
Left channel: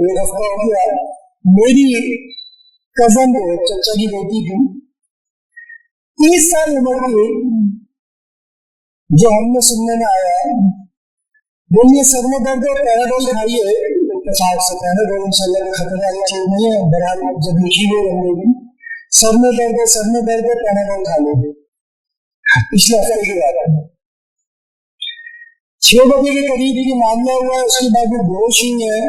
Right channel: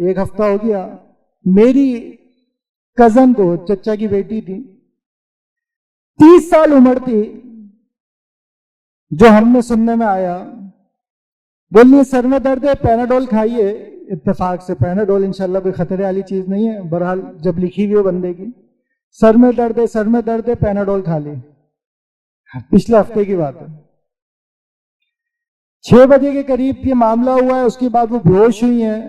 ایک ہفتہ ہو گیا، میری کزن کو، چچا کی بیٹی تھی، 30 سال عمر کی، جو ہم نے سننے میں آیا، بولیے سر میں درد ہے پیناڈول کھائیے، اتفاق سے پیناڈول انشاءاللہ کوئی خطرے والی چیز نہیں ہے، بہرحال جب لکھی ہوئی بندے کی، سر میں درد ہے پیناڈول کھا لے، پچھلے ہفتے کی بات ہے۔ 6 بجے کے قریب یہ معاملہ ہوا ہے، اس کے بعد وہ بے ہوش ہوئی ہیں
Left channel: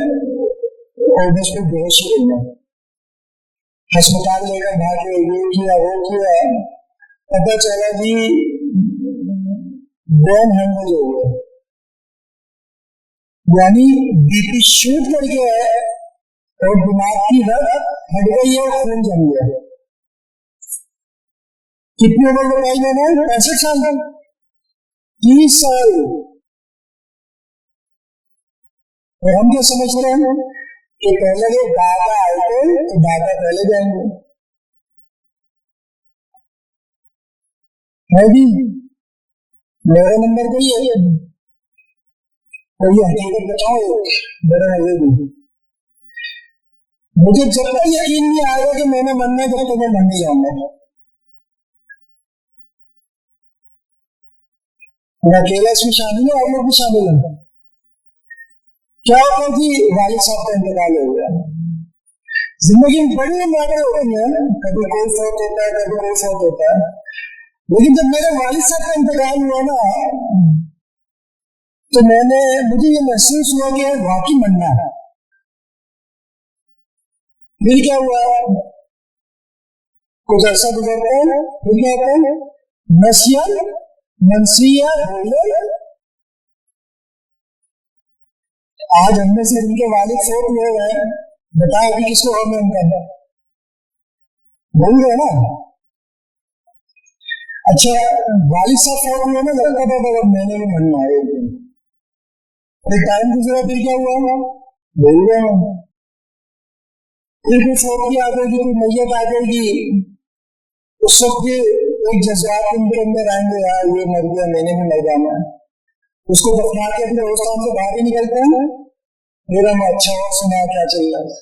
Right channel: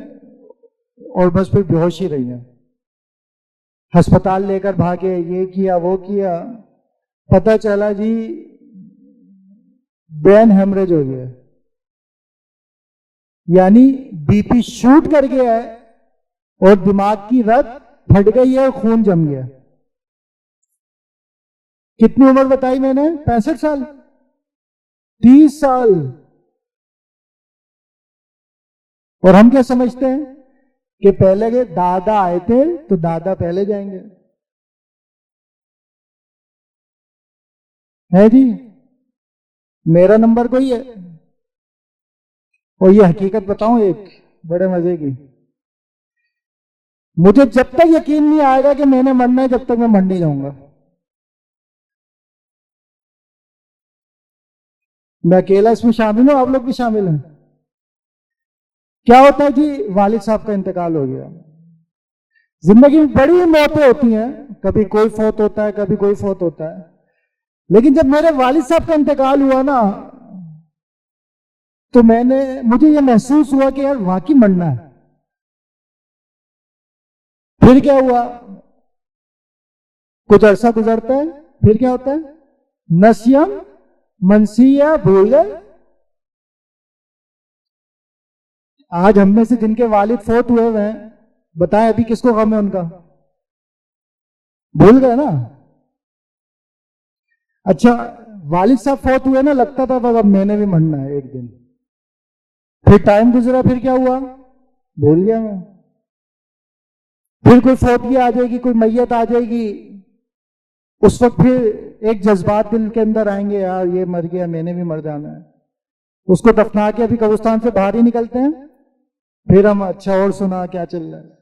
اور بس پھر بے ہوش ہی رہی ہیں، ہسپتال لے کر بھاگے، یہ کیا وہ کیا، پتہ چلا جی برین ہیمریج ہو گیا، یعنی بی پی شوٹ کر گیا ہے اور دماغ کی رگ پھٹ گئی ہے اور خون جم گیا ہے۔ کتنی عمر بتائی میں نے؟ 65 سال، 30 سال۔ اور ہم کیا سمجھتے ہیں کہ پہلے کے دادا آئے تھے تو دادا پہلے جائیں گے، ہے جی میرا نمبر کوئی ہے؟ اور یہ حقیقت بتاؤں ایک بڑے مزے کی، مجھے جب تک یقین نہیں آئے گا کہ میں نے مرنا ہے جب تک میں مر نہیں جاؤں گا۔ میں اکیلا اس میں شامل ہوں، آپ لوگ بھی شامل ہیں۔ کیا ہوتا ہے جی، والد صاحب کا انتقال ہو گیا، زندگی میں بڑی موتیں ہوتی ہیں، کبھی کوئی فوت ہوتا ہے کبھی کوئی فوت ہوتا ہے، لیکن جب میرے والد صاحب کا انتقال ہوا نا تو مجھے یہ محسوس ہوا کہ یار واقعی مرنا ہے۔ پھر کیا ہوا، کچھ عرصہ گزرتا ہے، پھر کیا ہوتا ہے، نسیم منسیہ بھول گئے۔ آج ہم میں سے جن کے والد فوت ہوئے ہیں، بتائیں ابھی کس کو غم ہے ان کا؟ بھول گئے نا۔ اچھا والد صاحب فوت ہوئے نا، لگتا تھا اب میں نے بھی مرنا ہے ایک دن، پھر ٹائم گزرا، پھر کیا ہوا، بھول گئے۔ پھر کوئی فوت کی آ جائے گی، کوئی میت آ جائے گی، اس وقت پھر ایک جذبات ان کے اندر آئیں گے، یار یہ مر گیا میں نے بھی مر جانا ہے، اس کو دفنا کے ابھی قبرستان سے باہر ہی نکلتے ہیں، پھر ہم اچھا اور سنا کیا چل رہا ہے،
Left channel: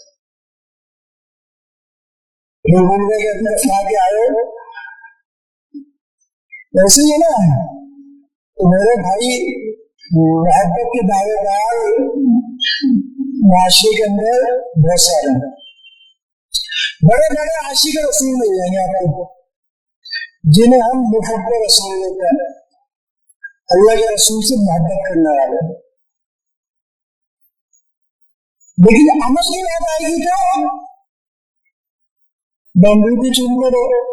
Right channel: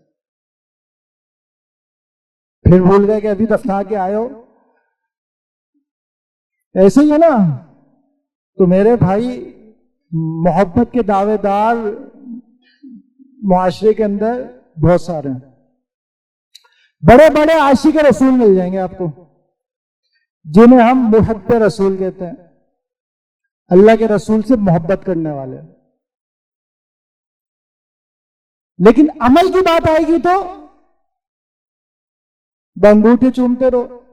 پھر بھول گئے کہ ابھی دفنا کے آئے ہو. ایسے ہی ہے نا. تو میرے بھائی محبت کے دعوے دار معاشرے کے اندر بہت سارے ہیں. بڑے بڑے عاشق رسول مل جائیں گے آپ کو جنہیں ہم محب رسول کہتے ہیں, اللہ کے رسول سے محبت کرنے والے. لیکن عمل کی بات آئے گی تو بنگوٹی چومتے رہو,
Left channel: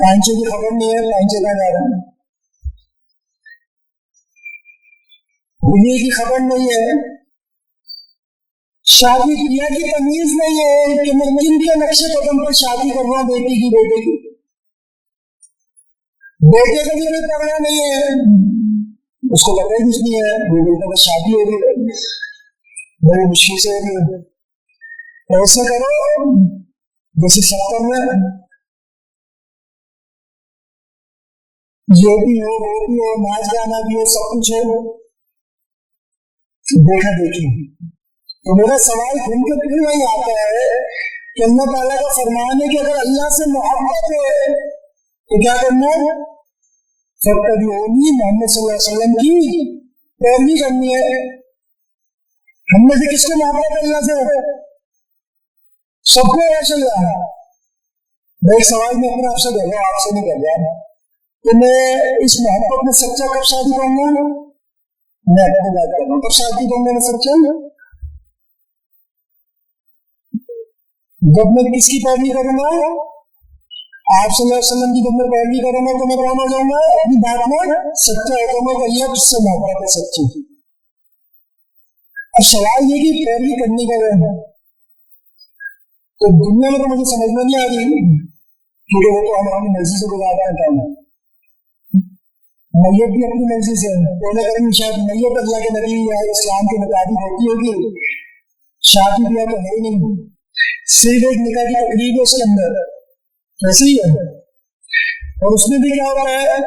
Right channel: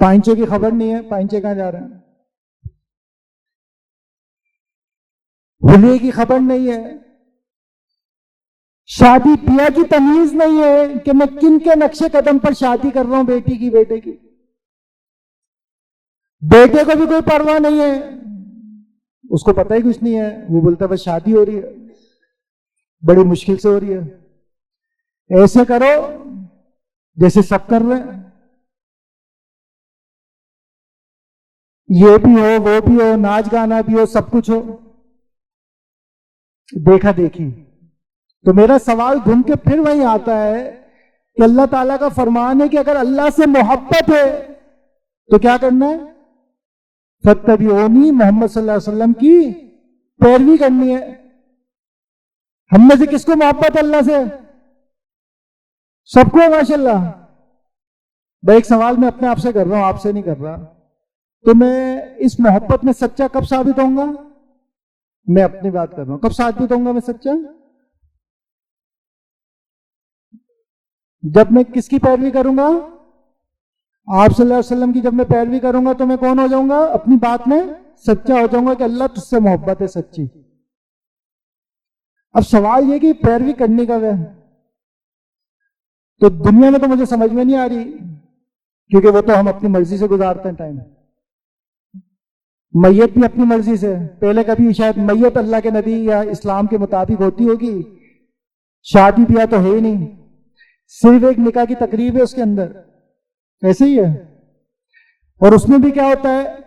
پائنچے کی خبر نہیں ہے پائنچے کہاں جا رہے ہیں, ہولیے کی خبر نہیں ہے, شادی بیاہ کی تمیز نہیں ہے کہ میں کن کے نقشے قدم پر شادی کر رہا ہوں, بیٹی کی بیٹے کی. بیٹے کو بھی کوئی پرواہ نہیں ہے, اس کو پتہ ہی کچھ نہیں ہے, وہ بولتا بس شادی ہو رہی ہے, بڑی مشکل سے ہو رہی ہے. ایسے کرو جیسے سب کر رہے ہیں, یہ بھی ہو وہ بھی ہو, ناچ گانا بھی ہو, سب کچھ ہو, دیکھا دیکھی. تو میرا سوال گھوم کے پھر وہیں آتا ہے کہ اللہ تعالیٰ کا فرمان ہے کہ اگر اللہ سے محبت ہے تو کیا کرنا ہے؟ فاتبعونی, محمد صلی اللہ علیہ وسلم کی پیروی کرنی ہے. ہم میں سے کس کو محبت اللہ سے؟ سب کو ماشاء اللہ. میں ایک سوال میں اپنے آپ سے کر رہا ہوں, آپ سے نہیں کر رہا, تو میں اس محبت میں سچا کب ثابت ہوں گا؟ میں اپنی بات کر رہا ہوں, کب ثابت ہوں گا میں سچا؟ جب میں کس کی پیروی کروں گا؟ آپ صلی اللہ علیہ وسلم کی. جب میں پیروی کروں گا تو میں کون ہو جاؤں گا؟ اپنی بات میں سچا ہو جاؤں گا کہ اللہ تجھ سے محبت ہے سچی. اب سوال یہ کہ پیروی کرنے کا ہے تو دنیا میں تو مجھے سمجھ میں نہیں آ رہی, کیونکہ وہ تو ہم اپنی مرضی سے گزارتے ہیں ٹائم. میت بھی اپنی مرضی سے, پہلے کبھی شاید میت اللہ کے نبی یا اسلام کے مطابق ہوتی ہوگی, شادی بیاہ تو ہے ہی نہیں, صرف ایک نکاح کی تقریب ہے اس کے اندر. ایسے ہی ہے. اور اس میں بھی کیا ہوتا ہے,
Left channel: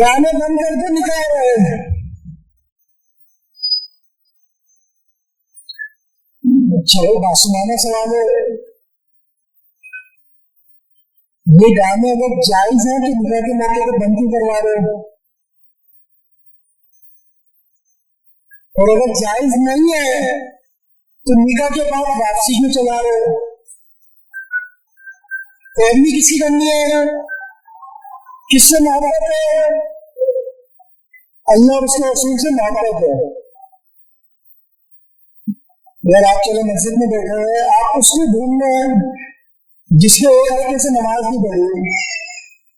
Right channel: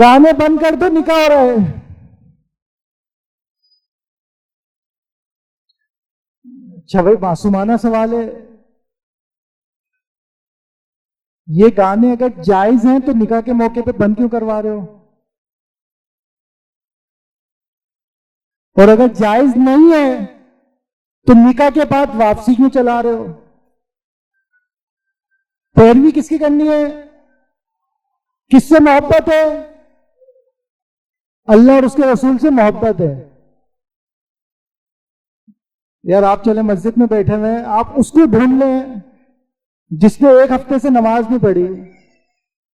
گانے بند کر دو نکاح ہو رہا ہے. اچھا بھائی معصومانہ سوال ہے, یہ گانے اگر جائز ہیں تو نکاح کے موقع پہ بند کیوں کروا رہے ہو؟ اور اگر جائز نہیں ہے تو نکاح کے بعد واپسی کیوں چلا رہے ہو؟ پیروی کس کی کرنی ہے؟ کس سے محبت ہے؟ اللہ اور اس کے رسول سے محبت ہے. یار آپ چلے مسجد میں بیٹھے ہوئے, آپ اس کو ڈھونڈ لیں جس نے ایک ہفتے سے نماز نہیں پڑھی,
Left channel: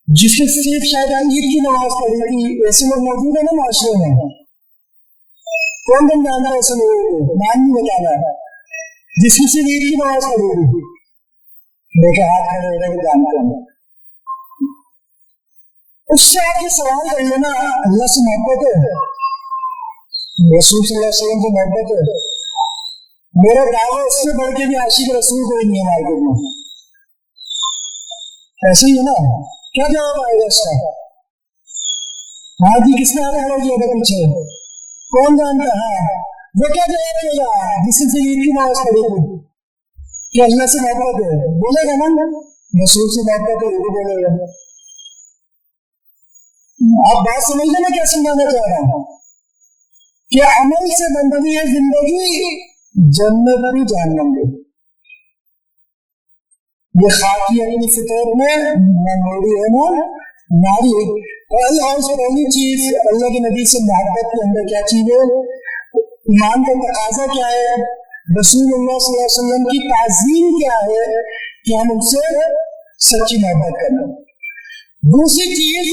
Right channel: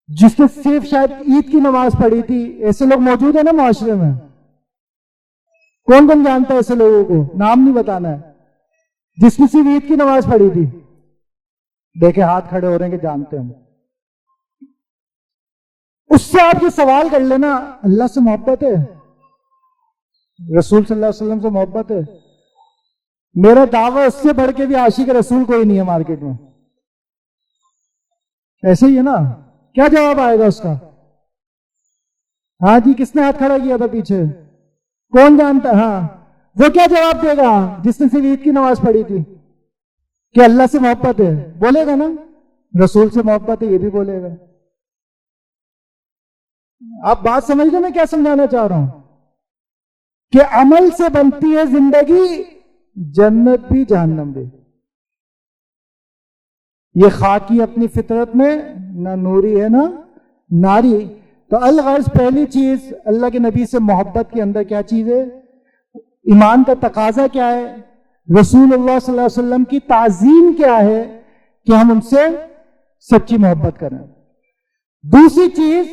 جس نے صرف شاید عید کی نماز پڑھی تھی. ایسے لوگ موجود ہیں نا معاشرے میں, کون کون جانتا ہے ایسے لوگوں کو؟ نام نہیں بتانا ہے. جس نے صرف عید کی نماز پڑھی تھی, دیکھیں ہاتھ کھڑے ہو رہے ہیں کہ جانتے ہیں. اس سے آپ یہ سوال کر لینا, اللہ سے محبت ہے, رسول صلی اللہ علیہ وسلم سے محبت ہے. میرا دعویٰ اس سے بڑھ کے بھی عاشق رسول کوئی نہیں ہے مارکیٹ میں. ایسے ہی ہے نا. کیا جواب آئے گا اس کا؟ ہاں جی, کس نے ہاتھ کھڑا کیا تھا پیچھے؟ کون جانتا ہے؟ ہاں, وہ کیا جواب دے گا جس نے صرف عید کی نماز پڑھی تھی کہ اللہ سے محبت ہے؟ بولے گا نا رسول سے محبت ہے, یہ بھی بولے گا. آپ بات سمجھ لیں میں کیا سمجھانا چاہ رہا ہوں, کہ عمل سے بنتی ہے زندگی, جنت بھی جہنم بھی. یہ خاکی اپنی فطرت میں نہ نوری ہے نہ ناری. تو الغرض پہلی چیز اللہ کے نبی سے محبت کے اندر کیا چیز ہے؟ ایمان کا تقاضا کیا ہے؟ رسول اللہ صلی اللہ علیہ وسلم کی تعظیم کیا ہے کہ ہم ان سے سچی محبت کریں. دوسری چیز,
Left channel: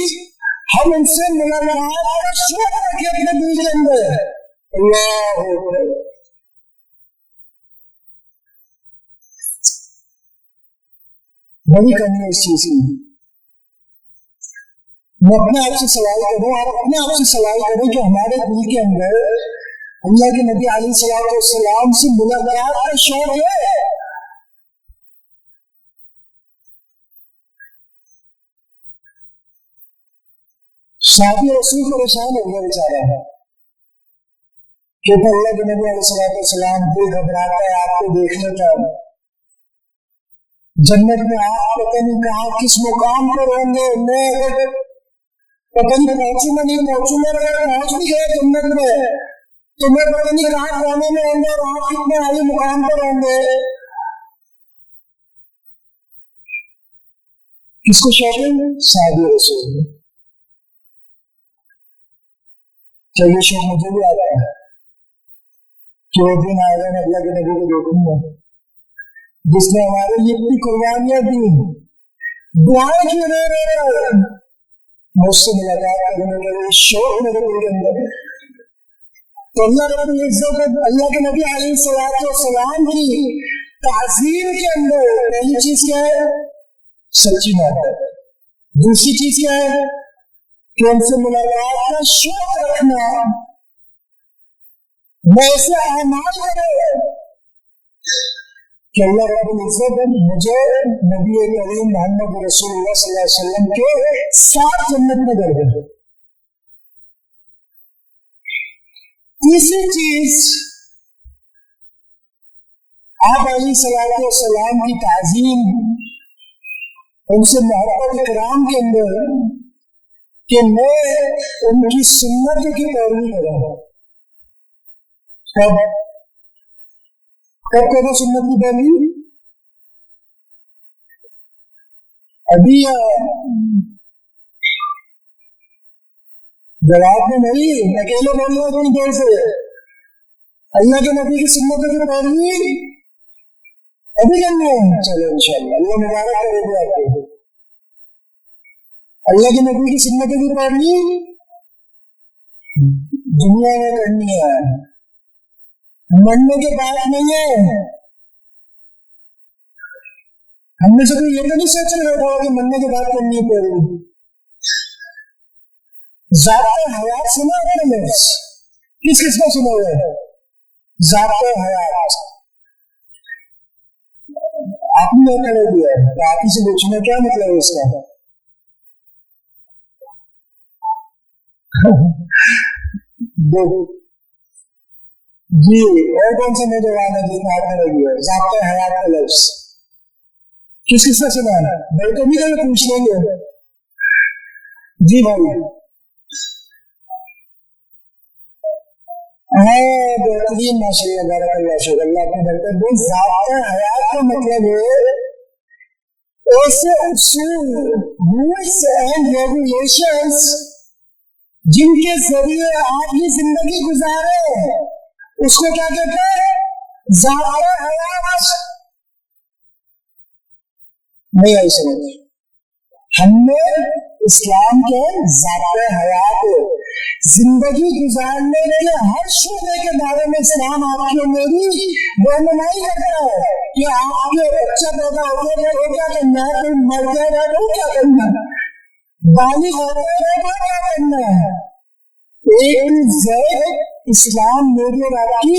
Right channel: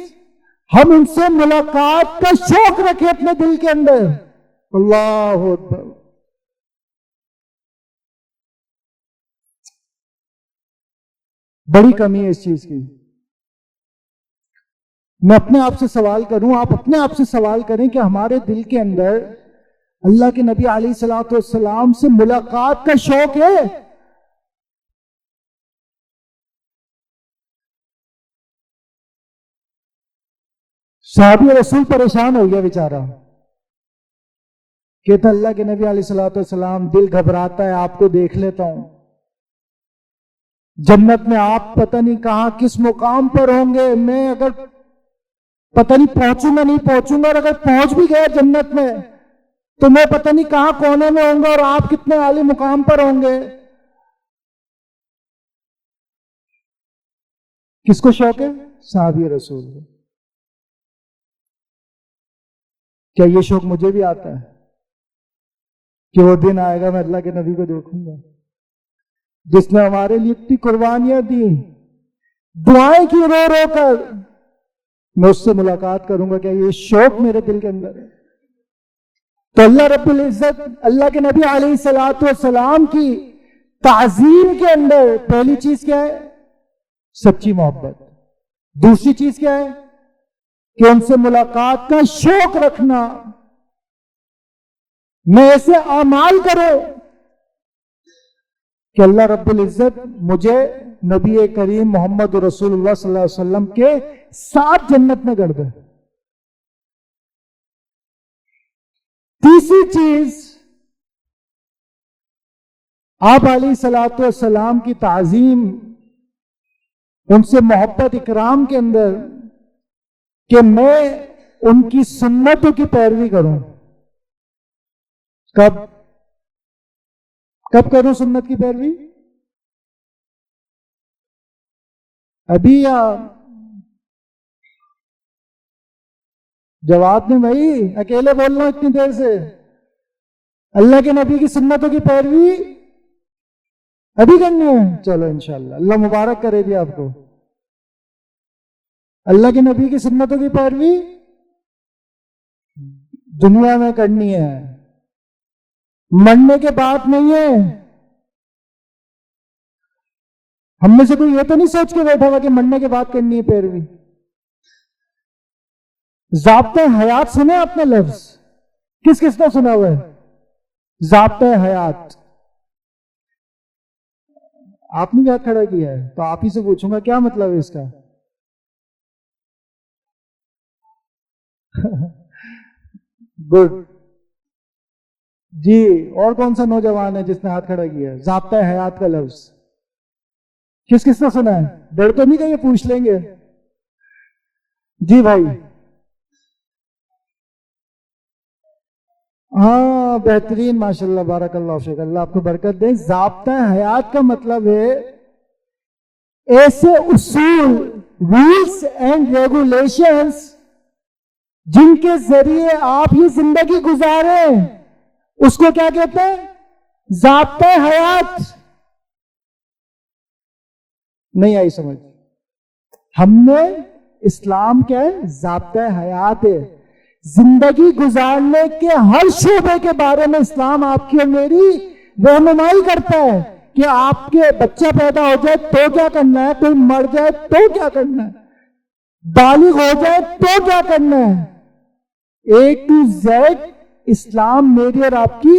ہم ان سے ملاقات کا شوق رکھیں اپنے دل کے اندر. اللہ اکبر. بڑی کمی ہے اس چیز کی. میں اپنے آپ سے سوال کروں, آپ اپنے آپ سے سوال کریں کہ ہمارے دل کے اندر اللہ کے نبی علیہ الصلوۃ والسلام سے ملاقات کا شوق ہے؟ صحابی رسول پریشان ہو گیا بیچارہ, کہتا اللہ کے نبی علیہ الصلوۃ والسلام دل گھبراتا ہے آپ کو دیکھ لیتا ہے, جنت میں آپ پتہ نہیں کہاں کس مقام پر ہوں گے. میں اگر پتہ نہیں نہیں پہنچوں گا اور اگر پہنچ بھی گیا جنت میں تو میں پتہ نہیں کہاں کونے میں ہوں گا اور آپ کتنے عالی مقام پر ہوں گے. کس کو شوق ہے؟ صحابی رسول. کیا یہ شوق مجھے بھی آتا ہے کہ وہ دن آئے گا میں اللہ کے نبی کو دیکھوں گا جس نے ہمارے لیے اتنی قربانیاں دی, دعائیں کی رو رو کر, میں اس سے ملاقات کروں گا. کہ یہ شوق میرے دل کے اندر ہے. تو اللہ رب العزت اللہ کے نبی علیہ الصلوۃ والسلام کی تعظیم کے اندر پہلی چیز کیا ہے؟ سچی محبت. دوسری چیز کیا ہے؟ کہ ان سے ملاقات کا شوق رکھنا. میں ایسے اعمال کروں کہ اللہ رب العزت مجھے نبی کریم محمد رسول اللہ صلی اللہ علیہ وسلم کے ساتھ جنت میں کر دے. تیسری چیز, آپ علیہ الصلوۃ والسلام کی تعظیم, ان سے محبت اکرام کے اندر کہ میں ان کی سنتوں کی پیروی کروں. کب کروں سنت کی پیروی؟ ابھی یا جواب میں بھائی اکیلے بول رہا ہوں اتنی دیر سے. اللہ کے نبی کی سنتوں کی پیروی ابھی کرنی ہے. چلو انشاءاللہ اللہ مبارک کرے گی آپ کو. اللہ کے نبی کی سنتوں کی پیروی دنیا میں کرنی ہے, مرنے کے بعد نہیں ہے. ہم میں سے کوئی یہ تو نہیں سوچ کے بیٹھا ہوا کہ مرنے کے بعد کرنی ہے پیروی. ضابطۂ حیات سنا آپ نے لفظ؟ کس کس نے سنا ہوا ہے ضابطۂ حیات؟ آپ نے کیا کھڑا کیا ہے تو آپ ہی سے پوچھوں گا کیا مطلب ہے اس کا. گڈ جی. اور کون سا نوجوان ہے جس نے ہاتھ کھڑا کیا ہے؟ ضابطۂ حیات کا لفظ کس کس نے سنا ہے؟ ڈر تو نہیں کہ پوچھ لیں گے. جی بھائی. ہاں بہترین, ماشاءاللہ بارک اللہ فیک, اللہ آپ کو برکت دے. ضابطۂ حیات کا مطلب ہے ایسے اصول, رولز اینڈ ریگولیشنز جن کے ذریعے آپ یہ زندگی گزاریں, اس کو کیا کہتے ہیں؟ ضابطۂ حیات. نہیں آئی سمجھ؟ ہم نے اسلام کیا ہے؟ ضابطۂ حیات ہے. زندگی گزارنے کے ہر شعبے کے بارے میں اسلام آپ کی اور میری رہنمائی کرتا ہے کہ آپ کے بچہ پیدا ہو جائے تو کیا کرنا ہے, کوئی مر جائے تو کیا کرنا ہے, بالغ ہو جائے تو کیا کرنا ہے. ایک زیڈ اسلام میری اور آپ کی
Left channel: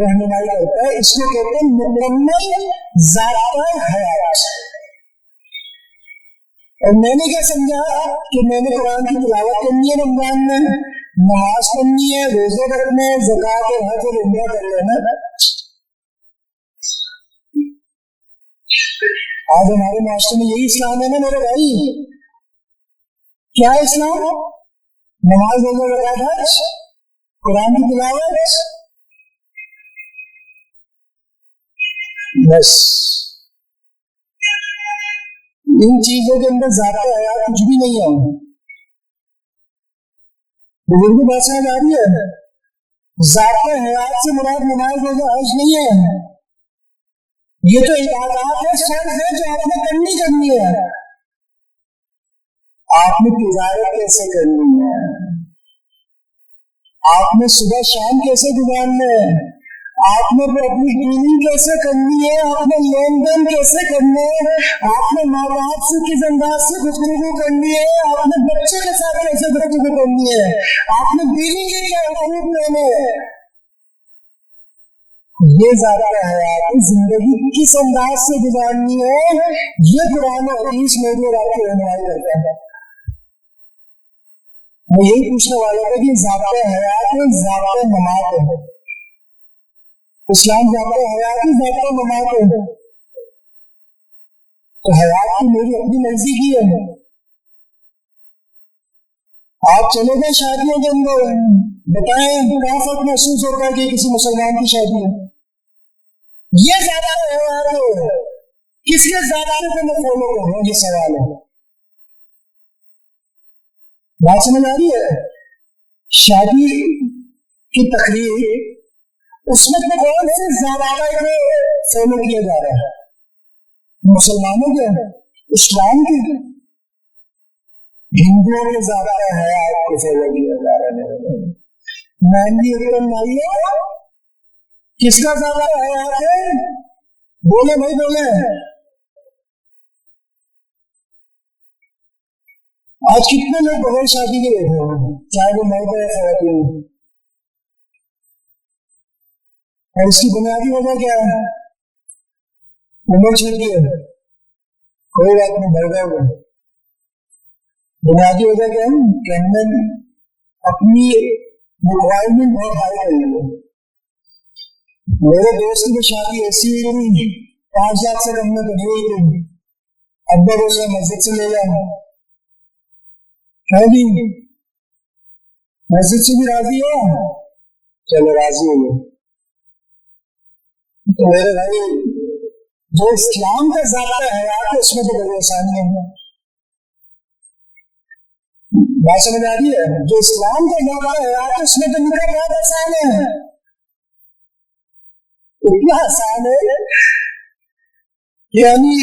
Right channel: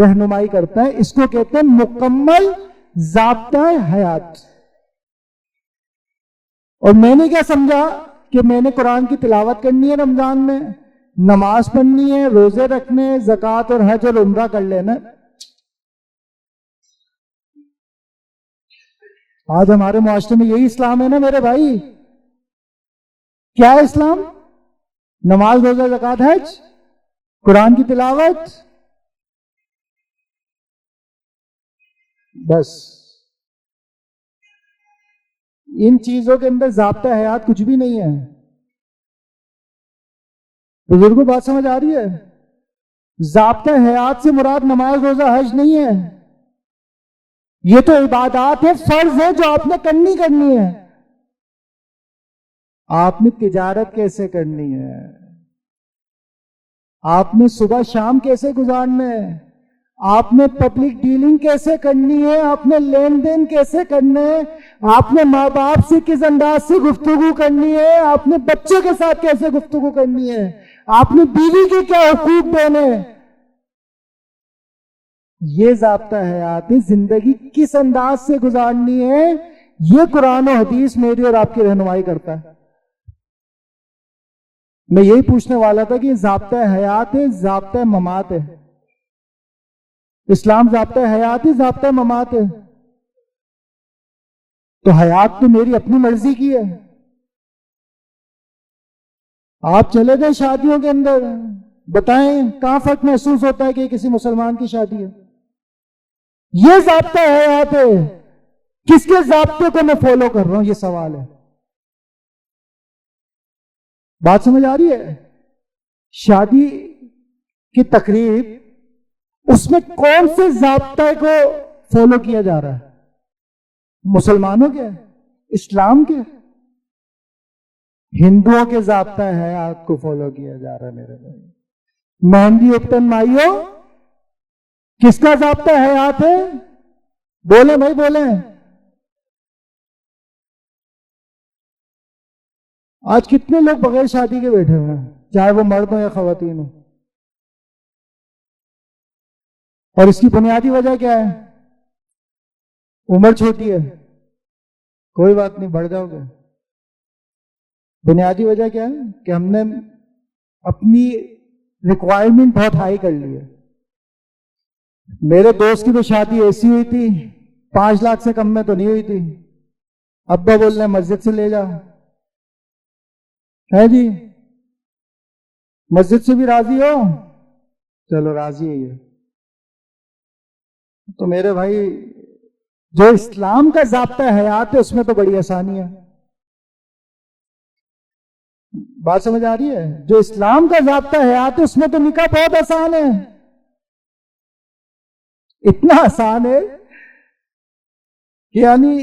رہنمائی کرتا ہے. اس کو کہتے ہیں مکمل ضابطۂ حیات. اور میں نے کیا سمجھا کہ میں نے قرآن کی تلاوت کرنی ہے رمضان میں, نماز پڑھنی ہے, روزے رکھنے, زکوٰۃ اور حج اور عمرہ کر لینا. آج ہمارے معاشرے میں یہی اسلام ہے نا میرے بھائی. کیا ہے اسلام؟ نماز, روزہ, زکوٰۃ, حج, قرآن کی تلاوت, بس. ان چیزوں کے اندر ضابطۂ حیات کچھ بھی نہیں ہے. بزرگوں بات سمجھ آ رہی ہے؟ ضابطۂ حیات سے مراد نماز, روزہ, حج نہیں ہے. یہ تو عبادات ہے, فرض ہے جو آپ نے کرنی ہے. آپ نے تجارت کیسے کرنی ہے, آپ نے صبح شام کیسے گزارنا ہے, آپ نے پبلک ڈیلنگ کیسے کرنی ہے, آپ نے لین دین کیسے کرنا ہے, آپ نے ماں باپ سے کس انداز سے گفتگو کرنی ہے, آپ نے بچے کے ساتھ کیسے گفتگو کرنی ہے, آپ نے بیوی کے کیا حقوق دینے. یہ ضابطہ حیات ہے. زندگی کس انداز سے گزارنی ہے یہ قرآن و حدیث میری اور آپ کی رہنمائی کرتا ہے. میں یہی پوچھنے والا تھا کہ یہ ضابطۂ حیات ہے, ضابطۂ ممات ہے. اسلام ضابطۂ حیات ہے, ضابطۂ ممات ہے. تو حیات تو میری اپنی مرضی کی ہے. آپ چلے گئے شادیوں کے اندر, بتائیں کہاں فرق محسوس ہوتا ہے کہ کسی مسلمان کی شادی ہے؟ یہ ضابطہ ہے یہاں پہ. کس کے ضابطے کو میں فالو کر رہا ہوں, یہ سوال ہے. بات سمجھ آ رہی ہے؟ شادی کی تقریب, اس میں کون سے ضابطے کو فالو کیا جا رہا ہے؟ مسلمانوں کے, اسلام کے, ہندوؤں کے ضابطہ ہے آپ کو فالو کیا جا رہا ہے میرے بھائی. مہندی اتن مائیو کس کا ضابطہ ہے آپ ہے؟ بولے بھائی بولے. آج کتنے لوگ بغیر شادی کے بیٹھے ہوئے ہیں, چاہے وہ مرد ہو یا خواتین ہو, اور اس کی بنیادی وجہ کیا ہے؟ عمر چھوٹی ہے, کوئی بات نہیں بڑھ جاؤ گے. بنیادی وجہ کیا ہے کہ ہم نے اپنی ریکوائرمنٹ بہت ہائی کر لی ہے. میرے دوست کی تو شادی ایسی ہوئی تھی 5 لاکھ سے کم میں تو نہیں ہوئی تھی. ابا بول رہے مسجد سے لے جا ہے جی, مسجد سے بھی راضی ہو, چلو راضی ہو گئے. تو میرے بھائی جو اسلام کا ضابطہ حیات ہے اس میں تو بڑی آسانی ہے. بات سمجھ آ رہی ہے؟ جو اسلام کا ضابطہ حیات ہے اس میں تو نکاح بہت آسان ہے. اتنا آسان ہے یعنی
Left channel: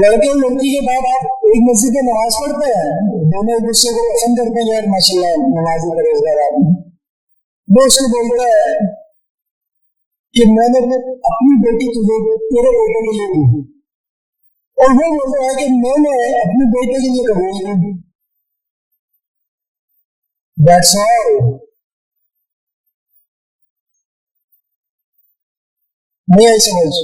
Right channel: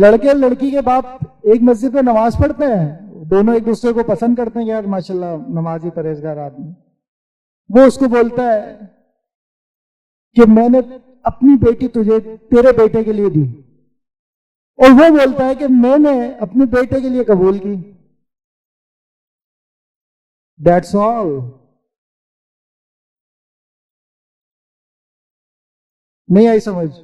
لڑکے لڑکی کے باپ ایک مسجد میں نماز پڑھتے ہیں, دونوں ایک دوسرے کو پسند کرتے ہیں, یار ماشاءاللہ نمازی پرہیزگار آدمی. وہ اس کو بولتا ہے کہ میں نے اپنی بیٹی تجھے تیرے بیٹے کے لیے دی, اور وہ بولتا ہے کہ میں نے اپنے بیٹے کے لیے قبول کی. That's all. نہیں آئی سمجھ؟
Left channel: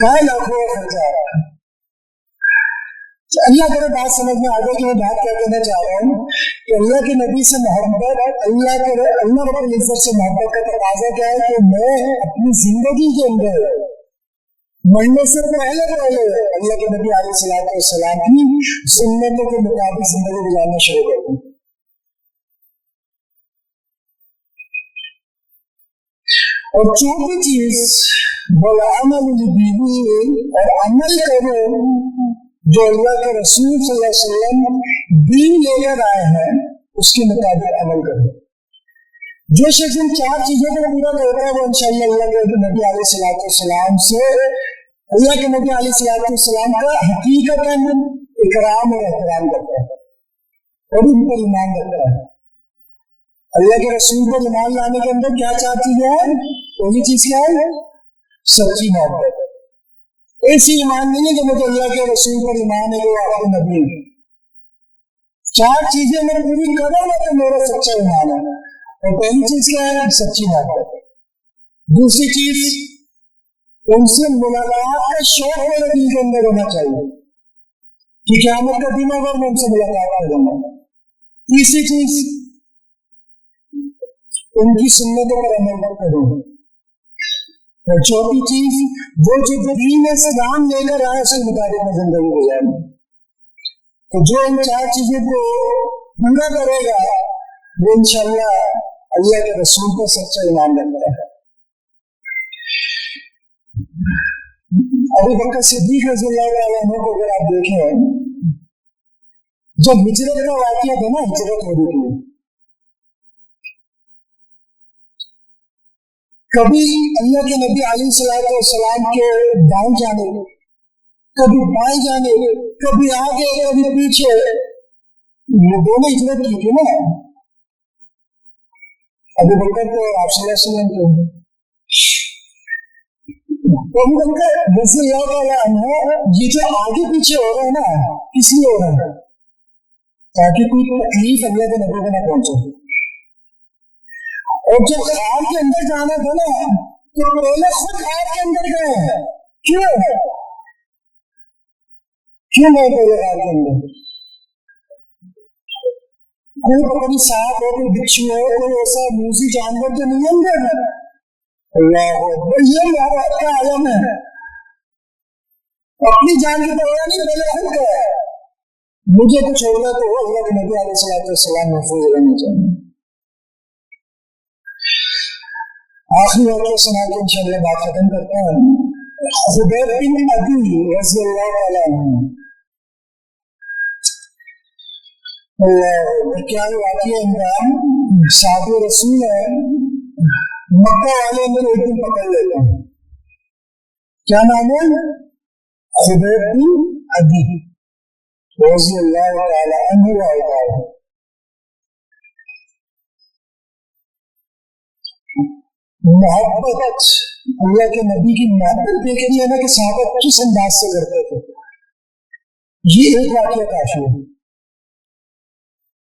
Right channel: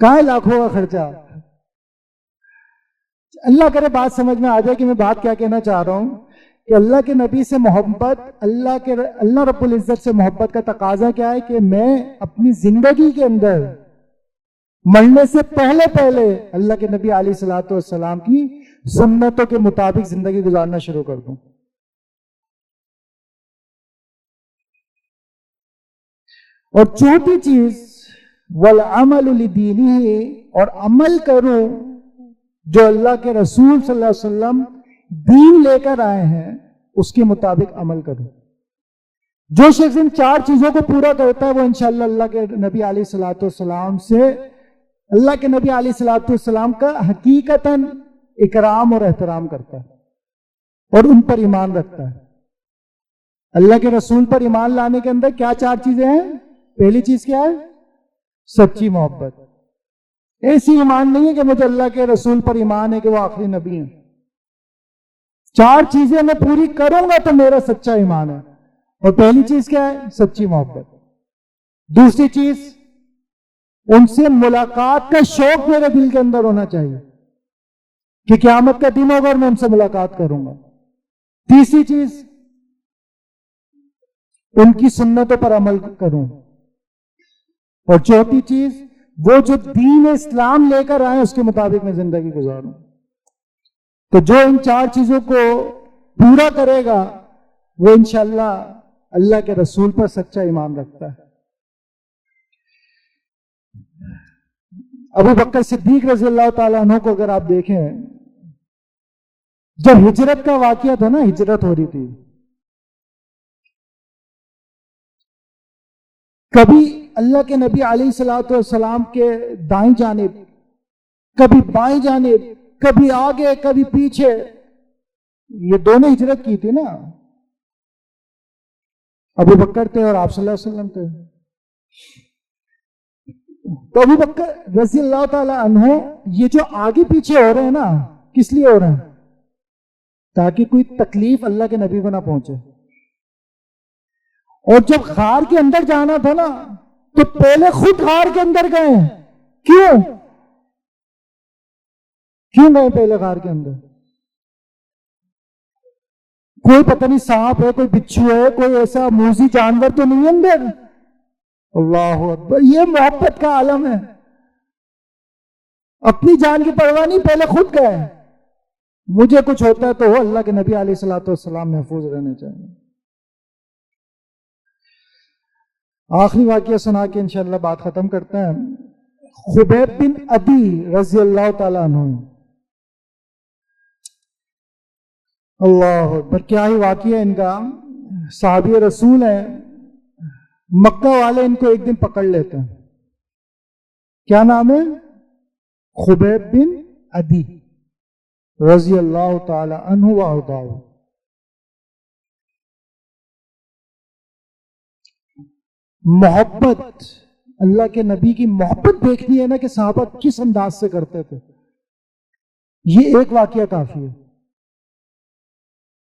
کہاں لاکھوں کا خرچہ. اللہ کرے بات سمجھ میں آ جائے کہ میں بات کیا کہنا چاہ رہا ہوں, کہ اللہ کے نبی سے محبت, اللہ رب العزت سے محبت کا تقاضا کیا ہے کہ میں اپنی زندگی کے اندر مرنے سے پہلے اللہ کے نبی علیہ الصلوۃ والسلام کی سنتوں کے مطابق زندگی گزارنا شروع کر دوں. اور چوتھی چیز والعمل لدینہ, اور عمل کرو جو اللہ کے رسول صلی اللہ علیہ وسلم دین لے کر آئے ہیں اس کے مطابق عمل کرو. جو شخص ان 4 چیزوں کو پورا کرتا ہے وہ انشاءاللہ اللہ کے نبی علیہ الصلوۃ والسلام سے, اللہ کے نبی علیہ الصلوۃ والسلام کا حقیقتاً اکرام اور احترام کرتا ہے اور ان پر ایمان رکھتا ہے. اللہ کے رسول پر ایمان لانے کے اندر کیا 4 چیزیں ہیں؟ پہلی چیز کیا ہے؟ سچی محبت. ایسی ایمان نہیں ہے کہ مجھے اللہ کے رسول پر ایمان ہے کہ وہ آخری نبی ہے. 4 چیزیں میں پوری کروں گا تو میرا سچا ایمان ہے. اور پہلی چیز کیا ہے؟ سچی محبت. دوسری چیز, ان سے ملاقات کا شوق میرے دل کے اندر ہونا چاہیے کہ قیامت کا دن ہوگا اور میں ان سے ملاقات کروں گا. تیسری چیز, ان کی سنتوں پر عمل کروں. اور چوتھی چیز, وہ جو دین اسلام لے کر آئے اس کے مطابق میں زندگی گزاروں. تو جو ان 4 چیزوں کو پورا کرے گا وہ انشاءاللہ اللہ کے رسول پر سچا ایمان رکھتا ہے. ابو بکر صدیق رضی اللہ تعالیٰ عنہ کو اگر آپ دیکھیں, جب ہجرت کا واقعہ تھا نا, ہجرت ہو رہی تھی, کبھی اللہ کے نبی علیہ الصلوۃ والسلام کے دائیں جانب, کبھی بائیں جانب, کبھی آگے کبھی پیچھے, یہ دونوں ہجرت کی تھی نا, ابو بکر تھے اور آپ صلی اللہ علیہ وسلم تھے. تو ابو بکر رضی اللہ تعالیٰ عنہ یہ جو آگے پیچھے ہو رہے ہیں نا, کس لیے ہو رہے ہیں؟ تاکہ کوئی تکلیف اللہ کے نبی کو نہ پہنچے. اور جب غار کے اندر جانا تھا نا تو پہلے خود غار کے اندر گئے ہیں. کیوں گئے پہلے غار کے اندر؟ کوئی پتہ نہیں سانپ ہے، کوئی بچھو ہے، کوئی ایسا موذی جانور تو نہیں ہے اندر. اللہ اکبر، یہ محبت کا عالم ہے. اپنی جان کی پرواہ نہیں، پہلے خود کا ہے. مجھے کچھ ہوتا ہے تو وہ اللہ کے نبی علیہ الصلوۃ والسلام محفوظ رہنا چاہیے. آخری واقعہ سنا کے انشاءاللہ بات ختم کرتا ہے. خبیب بن عدی رضی اللہ تعالیٰ عنہ. اللہ اکبر، کیا ہی واقعہ ان کا. صحابی رسول ہے، مکہ والے ان کو ایک دن پکڑ لیتے ہیں. کیا نام ہے؟ خبیب بن عدی رضی اللہ تعالی عنہ وارضاہ. محبت، اللہ کے نبی کی محبت دیکھنی ہے نا کہ صحابہ کس انداز سے کرتے تھے. یہ ایک واقعہ کافی ہے.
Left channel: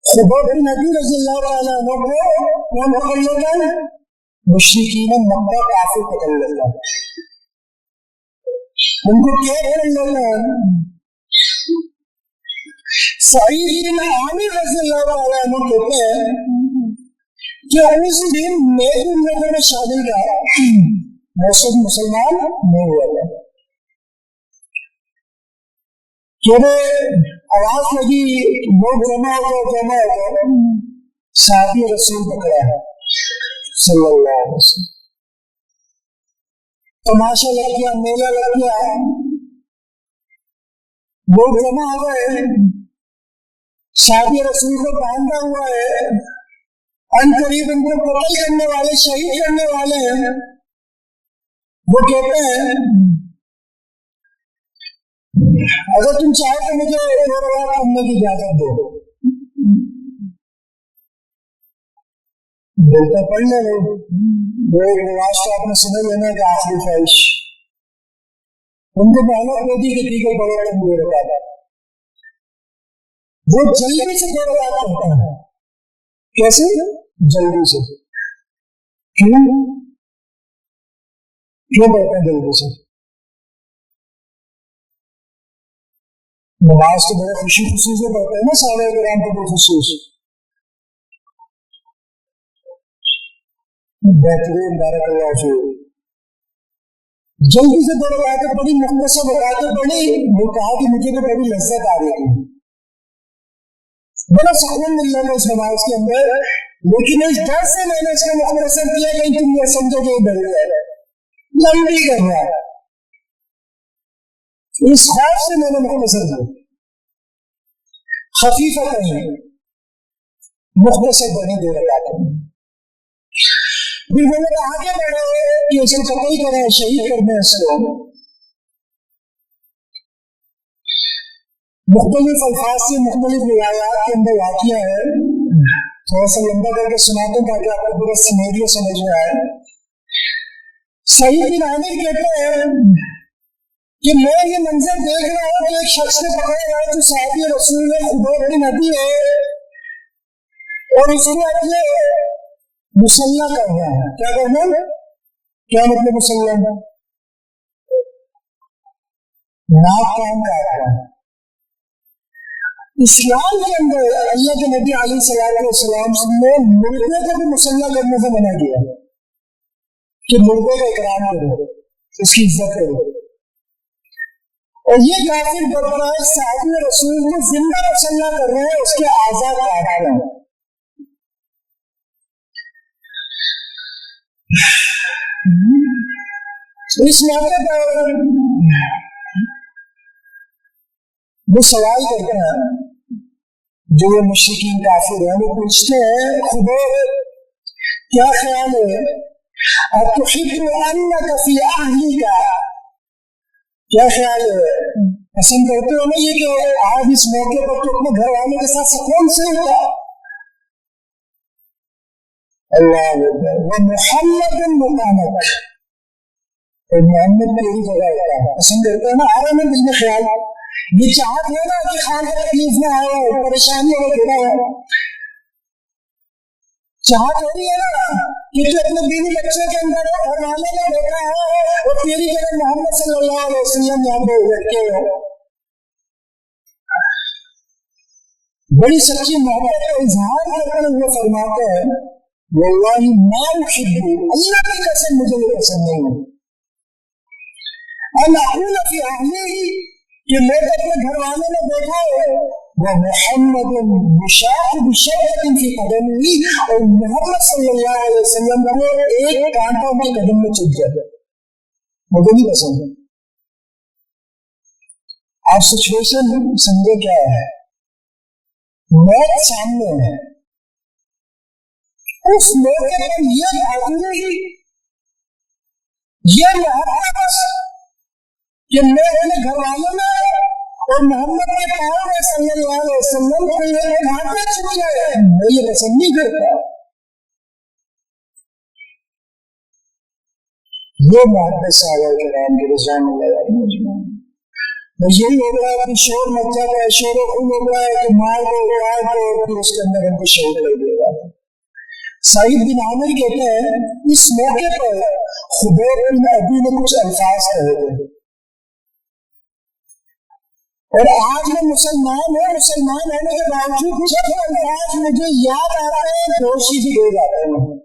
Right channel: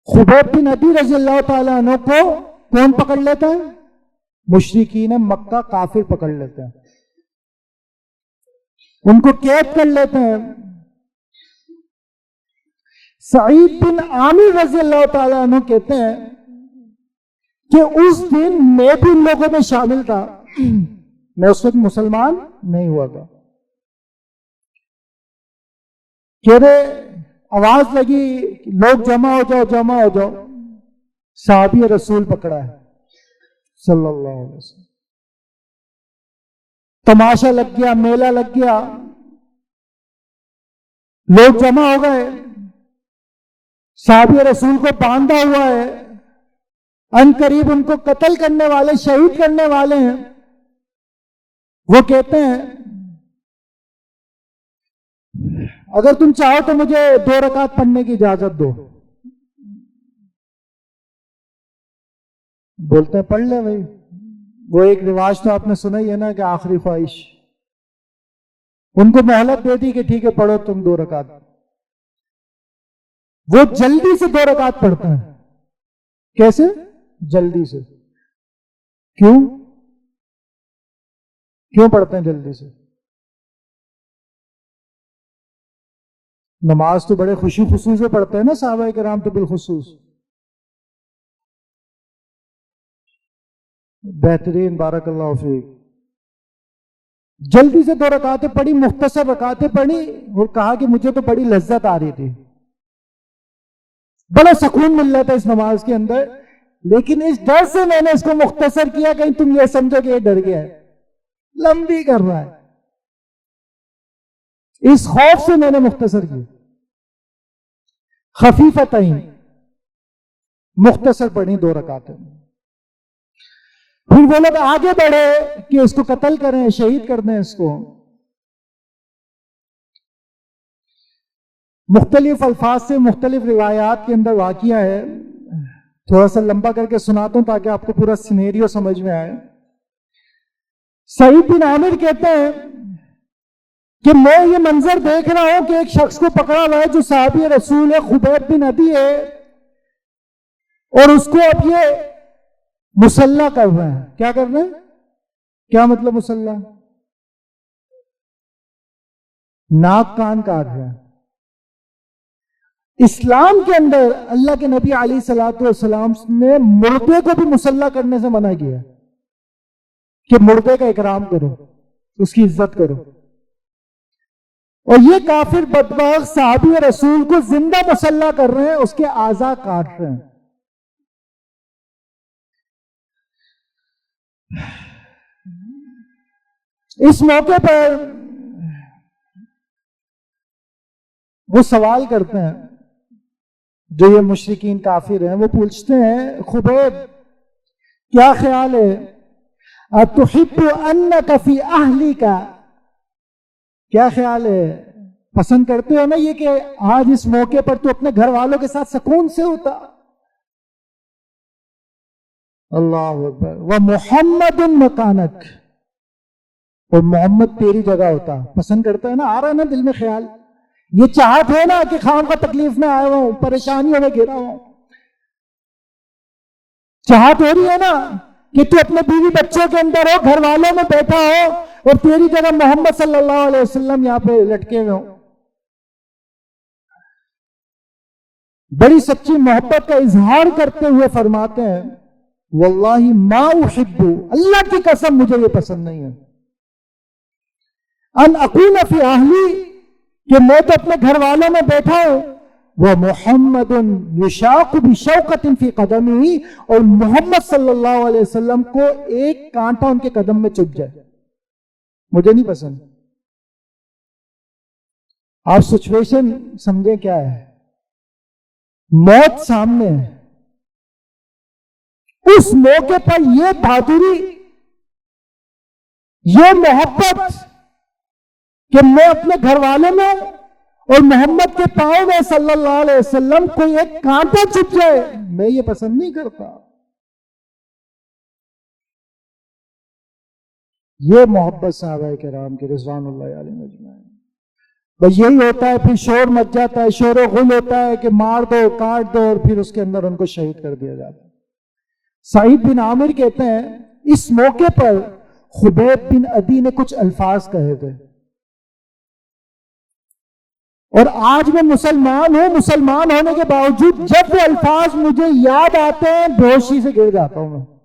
خبیب بن عدی رضی اللہ تعالی عنہ کو کون پکڑ لیتا ہے؟ مشرکین مکہ کافر پکڑ لیتا ہے، ان کو قید کر لیتے ہیں. سعید بن عامر رضی اللہ تعالی عنہ کہتے ہیں کہ اس دن میں بھی ان لوگوں میں شامل تھا، میں اس وقت مسلمان نہیں ہوا تھا. آواز لگی لوگ جمع ہو جاؤ جمع ہو جاؤ. صحابی رسول پکڑا ہے صلی اللہ علیہ وسلم. تماشا لگ گیا، میلہ لگ گیا، لوگ جمع ہو گئے. صحابی رسول کو باندھا ہوا ہے، ان قریب ان کو قتل کرنے والے، شہید کرنے والے ہیں. وہ کہتے ہیں اگر تم چاہو تو مجھے 2 رکعت پڑھنے کی اجازت دو. بولتے پڑھ لے بھائی. وہ ایک رواج تو آپ نے سنا ہی ہے نا کہ آخری خواہش. ان کو مہلت دے دی کہ ٹھیک ہے پڑھو تم 2 رکعت. وہ جلدی سے 2 رکعت پڑھتا ہے. کیسے؟ جلدی سے. کیوں پڑھتے ہیں جلدی سے؟ نماز تو بڑے خوشی خصوص سے پڑھتے ہیں نا صحابہ کرام تو بالخصوص. بہترین، بارک اللہ فیک. جلدی سے 2 رکعتیں پڑھی، مختصر رکعتیں پڑھی. وہ کہا کہ مجھے تو بڑی لذت آ رہی تھی، بڑا سکون مل رہا تھا اس نماز کے اندر، لیکن اس ڈر سے میں نے اس کو مختصر کیا کہیں تم یہ سمجھو کہ یہ ڈر گیا ہے، لمبی کر رہا ہے. اس خوف سے میں نے مختصر کیا. خفیفتیں مختصر پڑھی 2 رکعتیں. پھر وہ لوگ آگے بڑھے کہ اس کو قتل کریں، شہید کر دیں اس کو. مختلف الفاظ سے مختلف روایات کے اندر واقعہ ہے. تھوڑا سا لمبا کر کے سناتا ہوں تاکہ آپ کو پورا سینیریو سمجھ میں آئے. سعید بن عامر کہتے ہیں کہ میں یہ منظر دیکھ رہا ہوں کہ ایک شخص کو پکڑا ہوا ہے جو صحابی رسول ہے، خبیب بن عدی ہے، اور اس کو اب یہ مسلح کر رہا ہے. کیا کر رہے ہیں؟ کیا مطلب مسلح؟ ناک کان کاٹ رہا ہے. اسلام کے اندر اللہ کے نبی علیہ الصلوۃ والسلام نے مردے کو بھی مسلح کرنے سے منع کیا کہ مردے کا اکرام کرو، اس کی عزت کرو. اور یہ کافر بدبخت صحابی رسول کو زندہ مسلح کر رہے ہیں، اس کے اعضاء کاٹ رہے ہیں. اس موقع پر وہ سوال کرتے ہیں، جو یہ مشرکین کافر ہیں، وہ پوچھتے ہیں خبیب کیا خیال ہے، اتحب انک فی اہلک، کیا خیال ہے، پسند کرتے ہو نا یہ کہ آج اس موقع پر تو اپنے گھر والوں کے ساتھ سکون سے ہوتا. اللہ اکبر. ومحمد مکانک، اور محمد تیری جگہ ہوتا. پسند کرتے ہیں نا، آ رہا ہے نا دل میں خیال، یہ چاہت ہے نا کہ خان کا تکلیف میں آیا ہو، پریشانیوں میں گھرا ہو. چاہت ہو رہی ہے نا کہ تو اپنے بیوی بچوں کے اندر ہو، گھر والوں میں بیٹھا ہو، اور تیری جگہ محمد صلی اللہ علیہ وسلم یہاں پہ لٹکے ہو. بڑی سچی محبت کا اظہار کرتے ہوئے فرماتے ہیں واللہ ما احب، اللہ کی قسم مجھے یہ پسند نہیں ہے، ان اکون فی اہلی، کہ میں تو اپنے گھر والوں میں بیٹھا ہوں، ومحمد یشاق بشوقۃ فی قدمہ، اور محمد صلی اللہ علیہ وسلم کو ایک کانٹا ان کے قدم میں چبھ جائے، مجھے نہیں پسند۔ آپ سچویشن سمجھے کیا ہے، موت سامنے ہے، اس موقع پر یہ بہادری، یہ محبت کہ میں اپنے گھر والوں میں اور محمد کے پاؤں میں صلی اللہ علیہ وسلم کو ایک کانٹا چبھ جائے، میں یہ پسند نہیں کرتا۔ یہ محبت صحابہ کرام کی رضوان اللہ علیہم اجمعین۔ بس یہی ہوتا ہے، پھر شور مچ جاتا ہے، شور و غل ہوتا ہے کہ مار دو کاٹ دو، اور پھر اس کے اندر ان کو شہید کر دیا جاتا ہے۔ سعید بن عامر کہتے ہیں اس موقع پر خبیب بن عدی نے کچھ الفاظ کہے تھے، اور آج میں مسلمان ہوں، مسلمان ہونے کے باوجود جب وہ الفاظ مجھے یاد آتے ہیں بےہوشی سے گر جاتا ہوں۔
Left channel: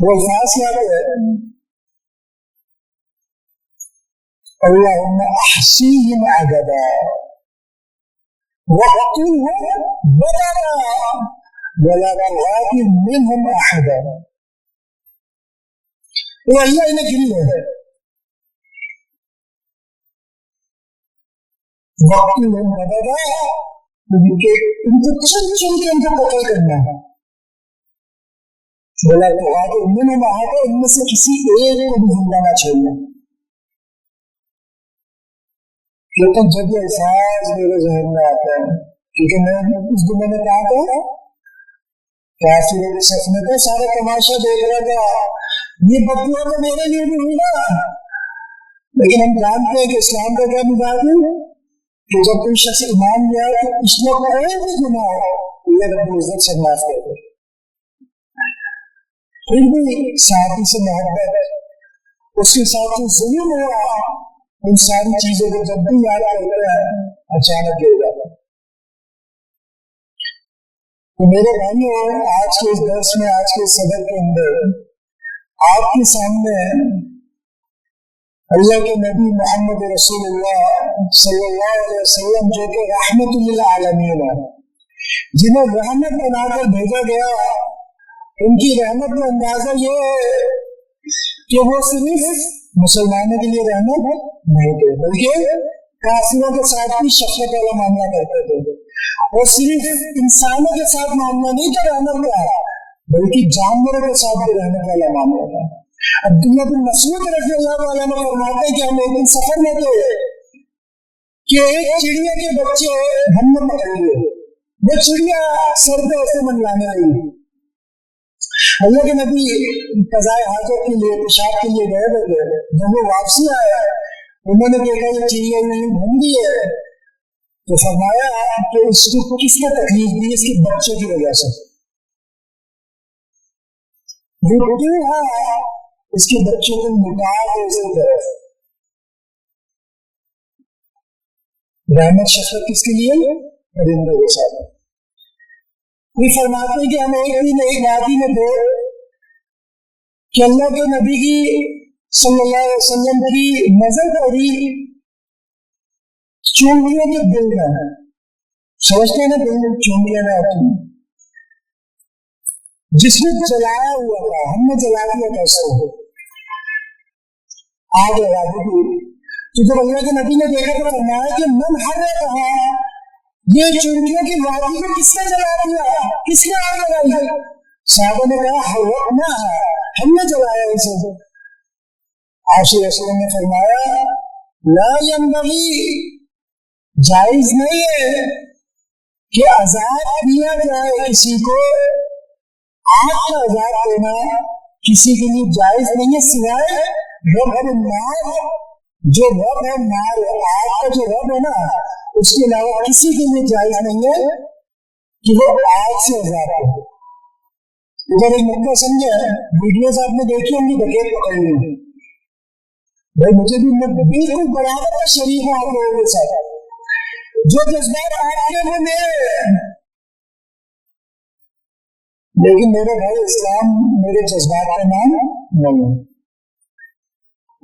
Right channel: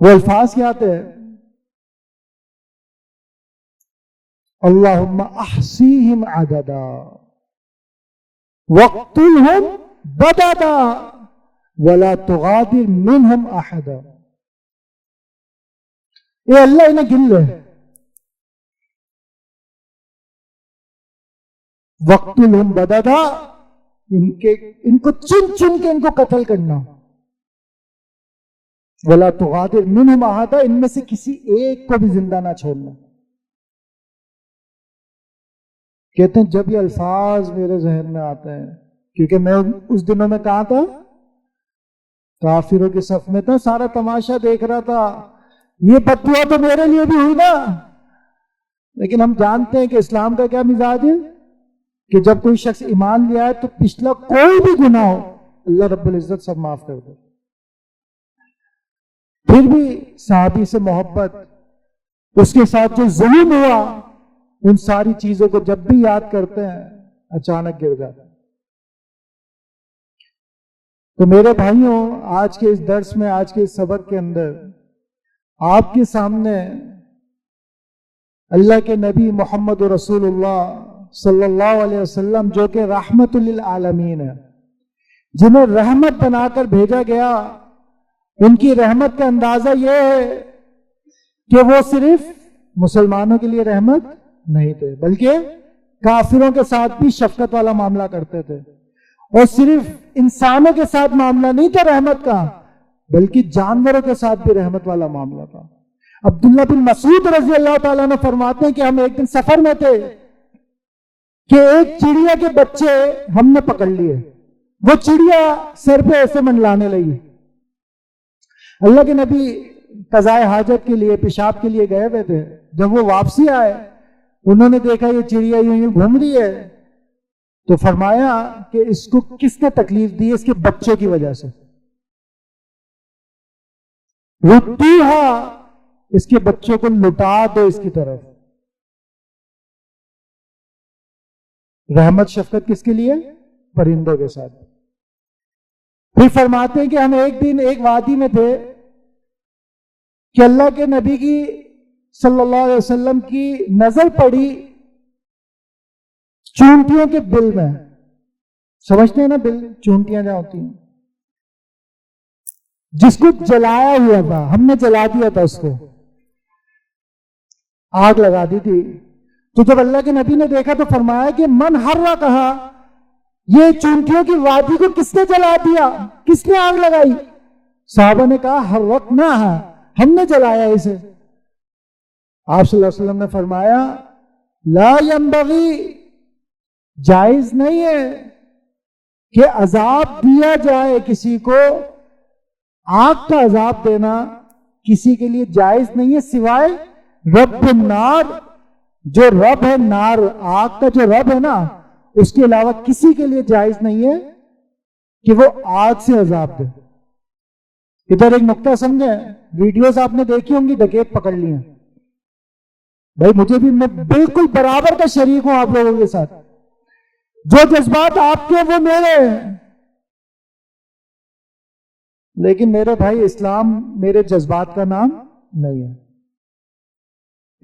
وہ الفاظ کیا تھے؟ اللہم احصیہم عددا واقتلہم بددا ولا تغادر منہم احدا۔ اے اللہ انہیں گن لے، وقتلہم بددا، ان کو چن چن کے ان کو قتل کرنا ہے، ولا تغادر منہم احدا، ان میں سے کسی ایک کو بھی زندہ نہ چھوڑنا۔ کہتے ہیں جب یہ الفاظ میرے ذہن میں آتے ہیں، کیونکہ میں اس دنوں میں کہاں تھا؟ کافروں کے صف میں تھا، سارا تماشا دیکھ رہا تھا۔ یہ بددعا تو میرے لیے بھی ہوئی نا، لیکن ہم جانتے ہیں کہ اسلام کا کیا مزاج ہے کہ جب کوئی شخص ایمان لے آئے تو پچھلا کوئی بھی گناہ ہو اللہ رب العزت سب معاف کر دے۔ پھر بھی صحابی سے محبت، اس کے ساتھ جو ظلم ہوا، ان ساری چیزوں کو جب بھی یاد کرتے ہیں اچانک گر جاتا ہے۔ تو میرے بھائیوں، آج کے اس درس میں، آج کے اس سبق کے اندر آپ کے سامنے اللہ کے نبی محمد رسول اللہ صلی اللہ علیہ وسلم، جو کہ رحمت للعالمین ہے، جنہیں رحمت بنا کر بھیجا گیا، ان کی رحمت کا اندازہ یہ ہے کہ وہ صرف مسلمانوں کے لیے رحمت نہیں تھے، بلکہ کافروں کے ساتھ بھی شفقت والا معاملہ کرتے تھے، اور صرف انسانوں کے ساتھ معاملہ نہیں تھا رحمت کا، بلکہ جانوروں کے ساتھ بھی رحمت والا معاملہ تھا۔ عبداللہ بن مسعود رضی اللہ تعالیٰ نے فرماتے ہیں کہ ہم ایک دن سفر میں تھے کہ ایک چڑیا کے بچے ہم نے پکڑ لیے، وہ چڑیا سر پہ ایسے منڈلانے لگی۔ اللہ کے نبی قضائے حاجت کے لیے، پیشاب کے لیے گئے ہوئے تھے، جب وہ واپسی آئے انہوں نے دیکھا یہ چڑیا یوں گھوم رہی ہے، تو فرمایا کہ اس کو کس نے تکلیف دی؟ اس کے بچوں کی وجہ سے۔ ردوہا، اس کے بچوں کو لٹا دو اس کی طرف۔ رحمت شفقت کس کے لیے؟ پرندوں کے ساتھ۔ پھر فرماتے ہیں کہ ہم ایک دن ایک وادی میں تھے کہ اللہ کے نبی کی صلی اللہ علیہ وسلم کی نظر پڑی چونٹیوں کے دل میں۔ سمجھتے ہیں نا دل چونٹیاں نہ ہوتی ہیں، جس کو جلایا ہوا تھا، ہم نے جلا دیا تھا، اس کو آگ لگا دی تھی۔ تو جب اللہ کے نبی نے دیکھا تو فرمایا کہ من حرہ، کہا یہ چونٹیوں کی وادی کو کس نے جلا دیا، کس نے آگ لگائی؟ صحابہ نے کہا حرقنا ہے، ہم نے جلایا اسے۔ آپ صلی اللہ علیہ وسلم نے فرمایا لا ينبغی، جائز نہیں ہے کہ عذاب دیا جائے کسی کو، آگ کا عذاب دینا کسی کے لیے جائز نہیں ہے سوائے رب النار، جو رب ہے نار، آگ کا جو رب ہے نا، اس کے علاوہ کسی کے لیے جائز نہیں ہے کہ وہ آگ سے عذاب دے۔ ادھر ایک نقطہ سمجھے، ویڈیوز آپ نے دیکھی ہوں گی ڈکیت پکڑ لی ہیں، بھائی مجھے بھی، میں بالکل برابر کا شریک ہوں آپ لوگوں کے ساتھ۔ جو جذبات آپ کے وہ میرے ہیں. لیکن میرے بھائی اسلام میرے جذبات کا نام نہیں ہے.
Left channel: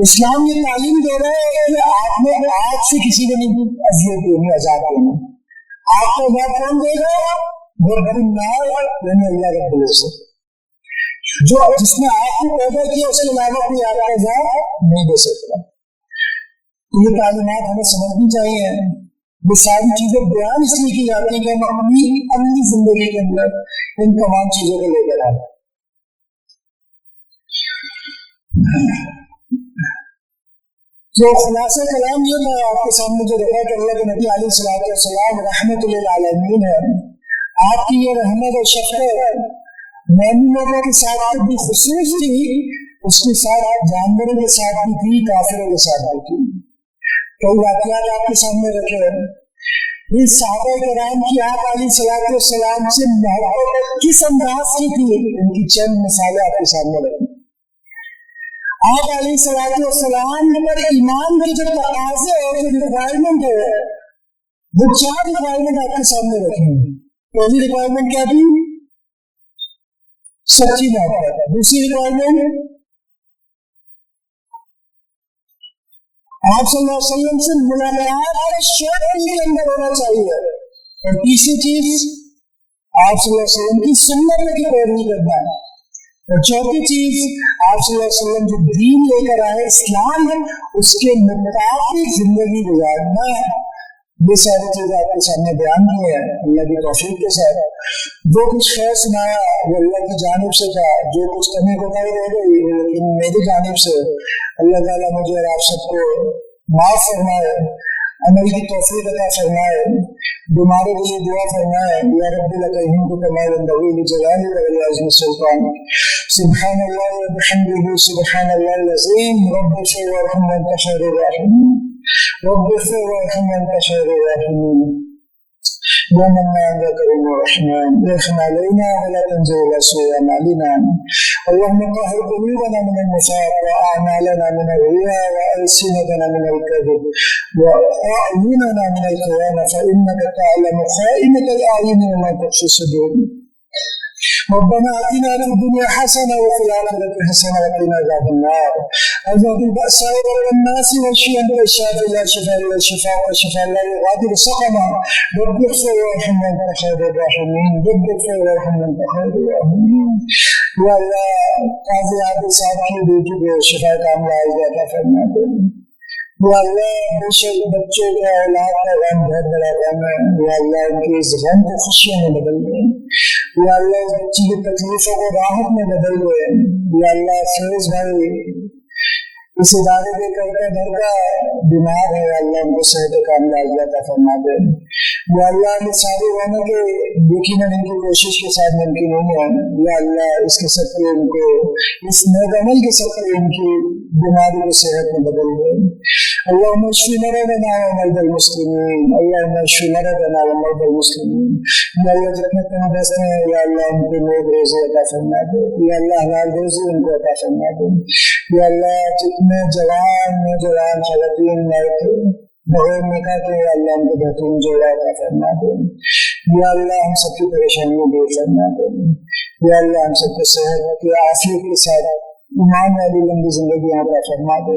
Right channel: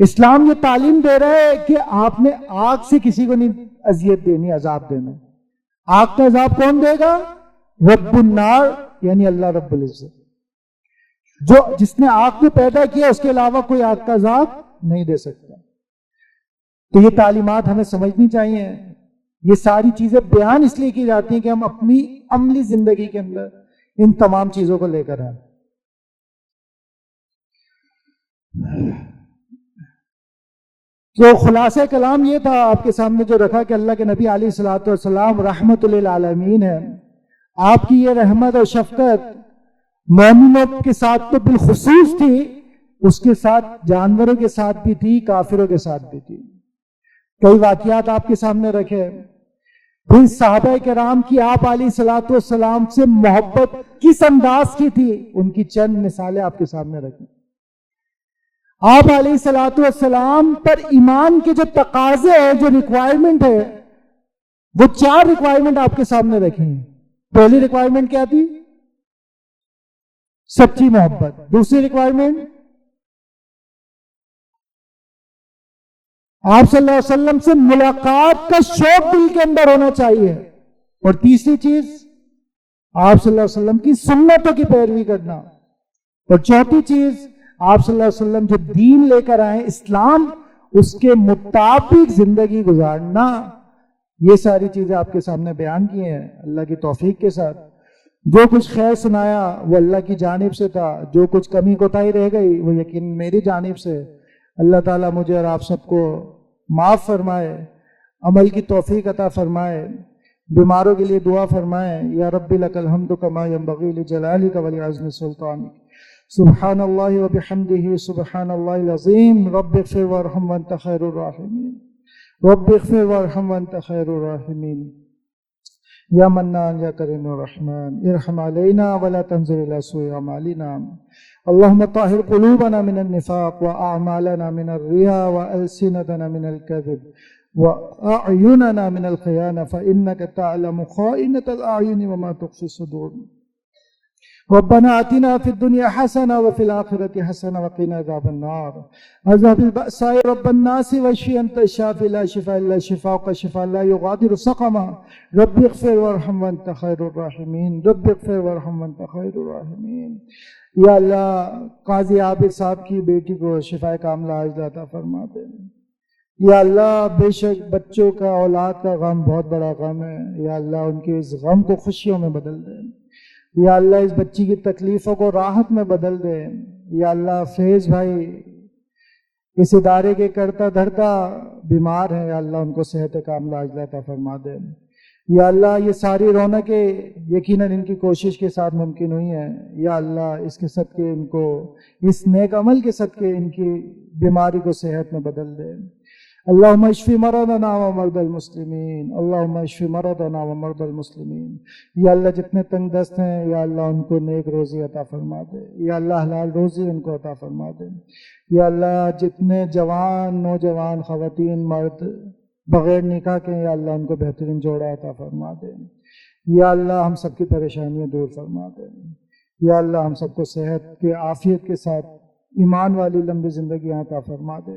اسلام یہ تعلیم دے رہا ہے کہ آپ نے آگ سے کسی کو نہیں اذیت دینی، عذاب دینا. آگ کا عذاب کون دے گا؟ رب النار، یعنی اللہ رب العزت. جس نے آگ کو پیدا کیا اس کے علاوہ کوئی آگ کا عذاب نہیں دے سکتا. تو یہ تعلیمات ہمیں سمجھنی چاہیے. یہ ساری چیزیں بیان اس لیے کی جاتی ہیں کہ ہم اپنی عملی زندگی کے اندر ان تمام چیزوں کو لے کر آئیں. تو خلاصہ کلام یہ تھا آپ کے سامنے جو رکھا کہ اللہ کے نبی علیہ الصلوۃ والسلام رحمت للعالمین ہے. آپ کی یہ رحمت اور شفقت مومنوں کے ساتھ تو بالخصوص تھی، اس کے ساتھ جانوروں کے ساتھ بھی تھی، کافروں کے ساتھ بھی تھی. کئی واقعات آپ کے سامنے رکھے. پھر صحابہ کرام کی آپ علیہ الصلوۃ والسلام سے محبت کس انداز کی تھی، ان کی چند مثالیں آپ کے سامنے رکھی. آپ علیہ الصلوۃ والسلام پر ایمان کے جو تقاضے ہیں، جو ریکوائرمنٹ ہے، وہ 4 ریکوائرمنٹ آپ کے سامنے رکھے ہیں. پہلی ریکوائرمنٹ کیا تھی؟ سچی محبت. دوسری ریکوائرمنٹ آپ صلی اللہ علیہ وسلم سے ملاقات کا شوق دل کے اندر ہونا چاہیے. اور تیسری چیز آپ صلی اللہ علیہ وسلم کی سنتوں کی پیروی کرنا ہے. اور چوتھی چیز آپ صلی اللہ علیہ وسلم جو دین لے کر آئے اسلام، اس کے مطابق زندگی گزارنا. یہ ساری چیزیں آپ کے سامنے بیان کی ہیں اللہ کی توفیق کے ساتھ. جو کچھ خیر سنایا وہ اللہ کی جانب سے تھا، جو کچھ کمی کوتاہی رہ گئی وہ لیکن میری جانب سے. اللہ تعالیٰ مجھے اور آپ سب کو معاف فرمائے، عمل کی توفیق عطا فرمائے، بیماروں کے لیے دعا فرمائے. یا رب لک الحمد کما ینبغی لجلالک ولعظم سلطانک. سبحان اللہ وبحمدہ سبحان اللہ العظیم. رب اغفر وارحم وانت خیر الراحمین. رب اغفر وارحم وانت خیر الراحمین. یا منان یا کریم الرحمن ارحم علینا ولا تنزل الى سوء اعمالنا. اللهم طهر قلوبنا من النفاق واعمالنا من الرياء والسنتنا من الكذب واعيننا من الخيانه فانك تعلم خائنة الاعين وما تخفي الصدور. ربنا آتنا في الدنيا حسنة وفي الآخرة حسنة وقنا عذاب النار. اذهب البأساء رب الناس واشف أنت الشافي لا شفاء إلا شفاءك شفاء لا يغادر سقما. رب اغفر وارحم وأنت خير الراحمين. رب اغفر وارحم وأنت خير الراحمين. یا اللہ قاضی عابد صاحب کی بیٹی کو شفاء کاملہ عطا فرما دے. یا اللہ بے شک بچوں کا اولاد کا غم بہت بڑا غم ہے. یا اللہ ان کے اس غم کو خوشیوں میں بدل دے. یا اللہ اس بچی کی تکلیفوں کو راحت میں بدل دے. یا اللہ فیض بھائی اس ادارے کے کرتا دھرتا بیمار ہے، یا اللہ ان کو صحت کاملہ عطا فرما دے. یا اللہ یہ ساری رونقیں یقیناً ان کی کوشش کے ساتھ ممکن نہیں ہے. یا اللہ اس کے صدقے ان کو، اس نیک عمل کے صدقے ان کی بیماری کو صحت میں بدل دے. اللہم اشفی مرضنا ومرضی المسلمین. اللہم اشفی مرضنا ومرضی المسلمین. یا اللہ جتنے تنگ دست ہیں یا اللہ ان کو نیک روزی عطا فرما دے. یا اللہ حلال روزی ان کو عطا فرما دے. یا اللہ جتنے جوان نوجوان خواتین مرد بغیر نکاح کے یا اللہ ان کو بہترین جوڑا عطا فرما دے. یا اللہ ہم سب کی پریشانیوں دور فرما دے. یا اللہ ہم سب کو صحت کی عافیت کے ساتھ ایمان والی لمبی زندگی عطا فرما دے.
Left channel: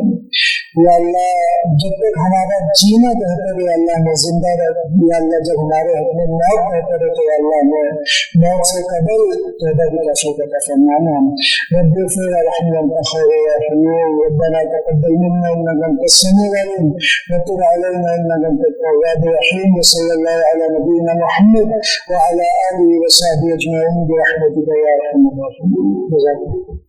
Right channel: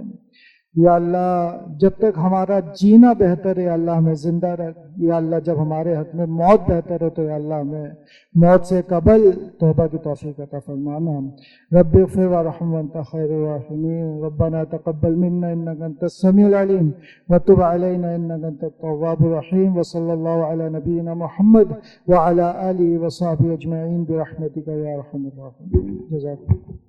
یا اللہ جب تک ہمارا جینا بہتر ہے اللہ ہمیں زندہ رکھ. یا اللہ جب ہمارے حق میں موت بہتر ہے تو یا اللہ ہمیں موت سے قبل توبہ کی توفیق عطا فرمانا. رب اغفر وارحم وانت خیر الراحمین. ربنا تقبل منا انك انت السميع العليم وتب علينا انك انت التواب الرحيم. وصلى الله على نبينا محمد وعلى اله وصحبه اجمعين برحمتك يا ارحم الراحمين. جزاكم الله.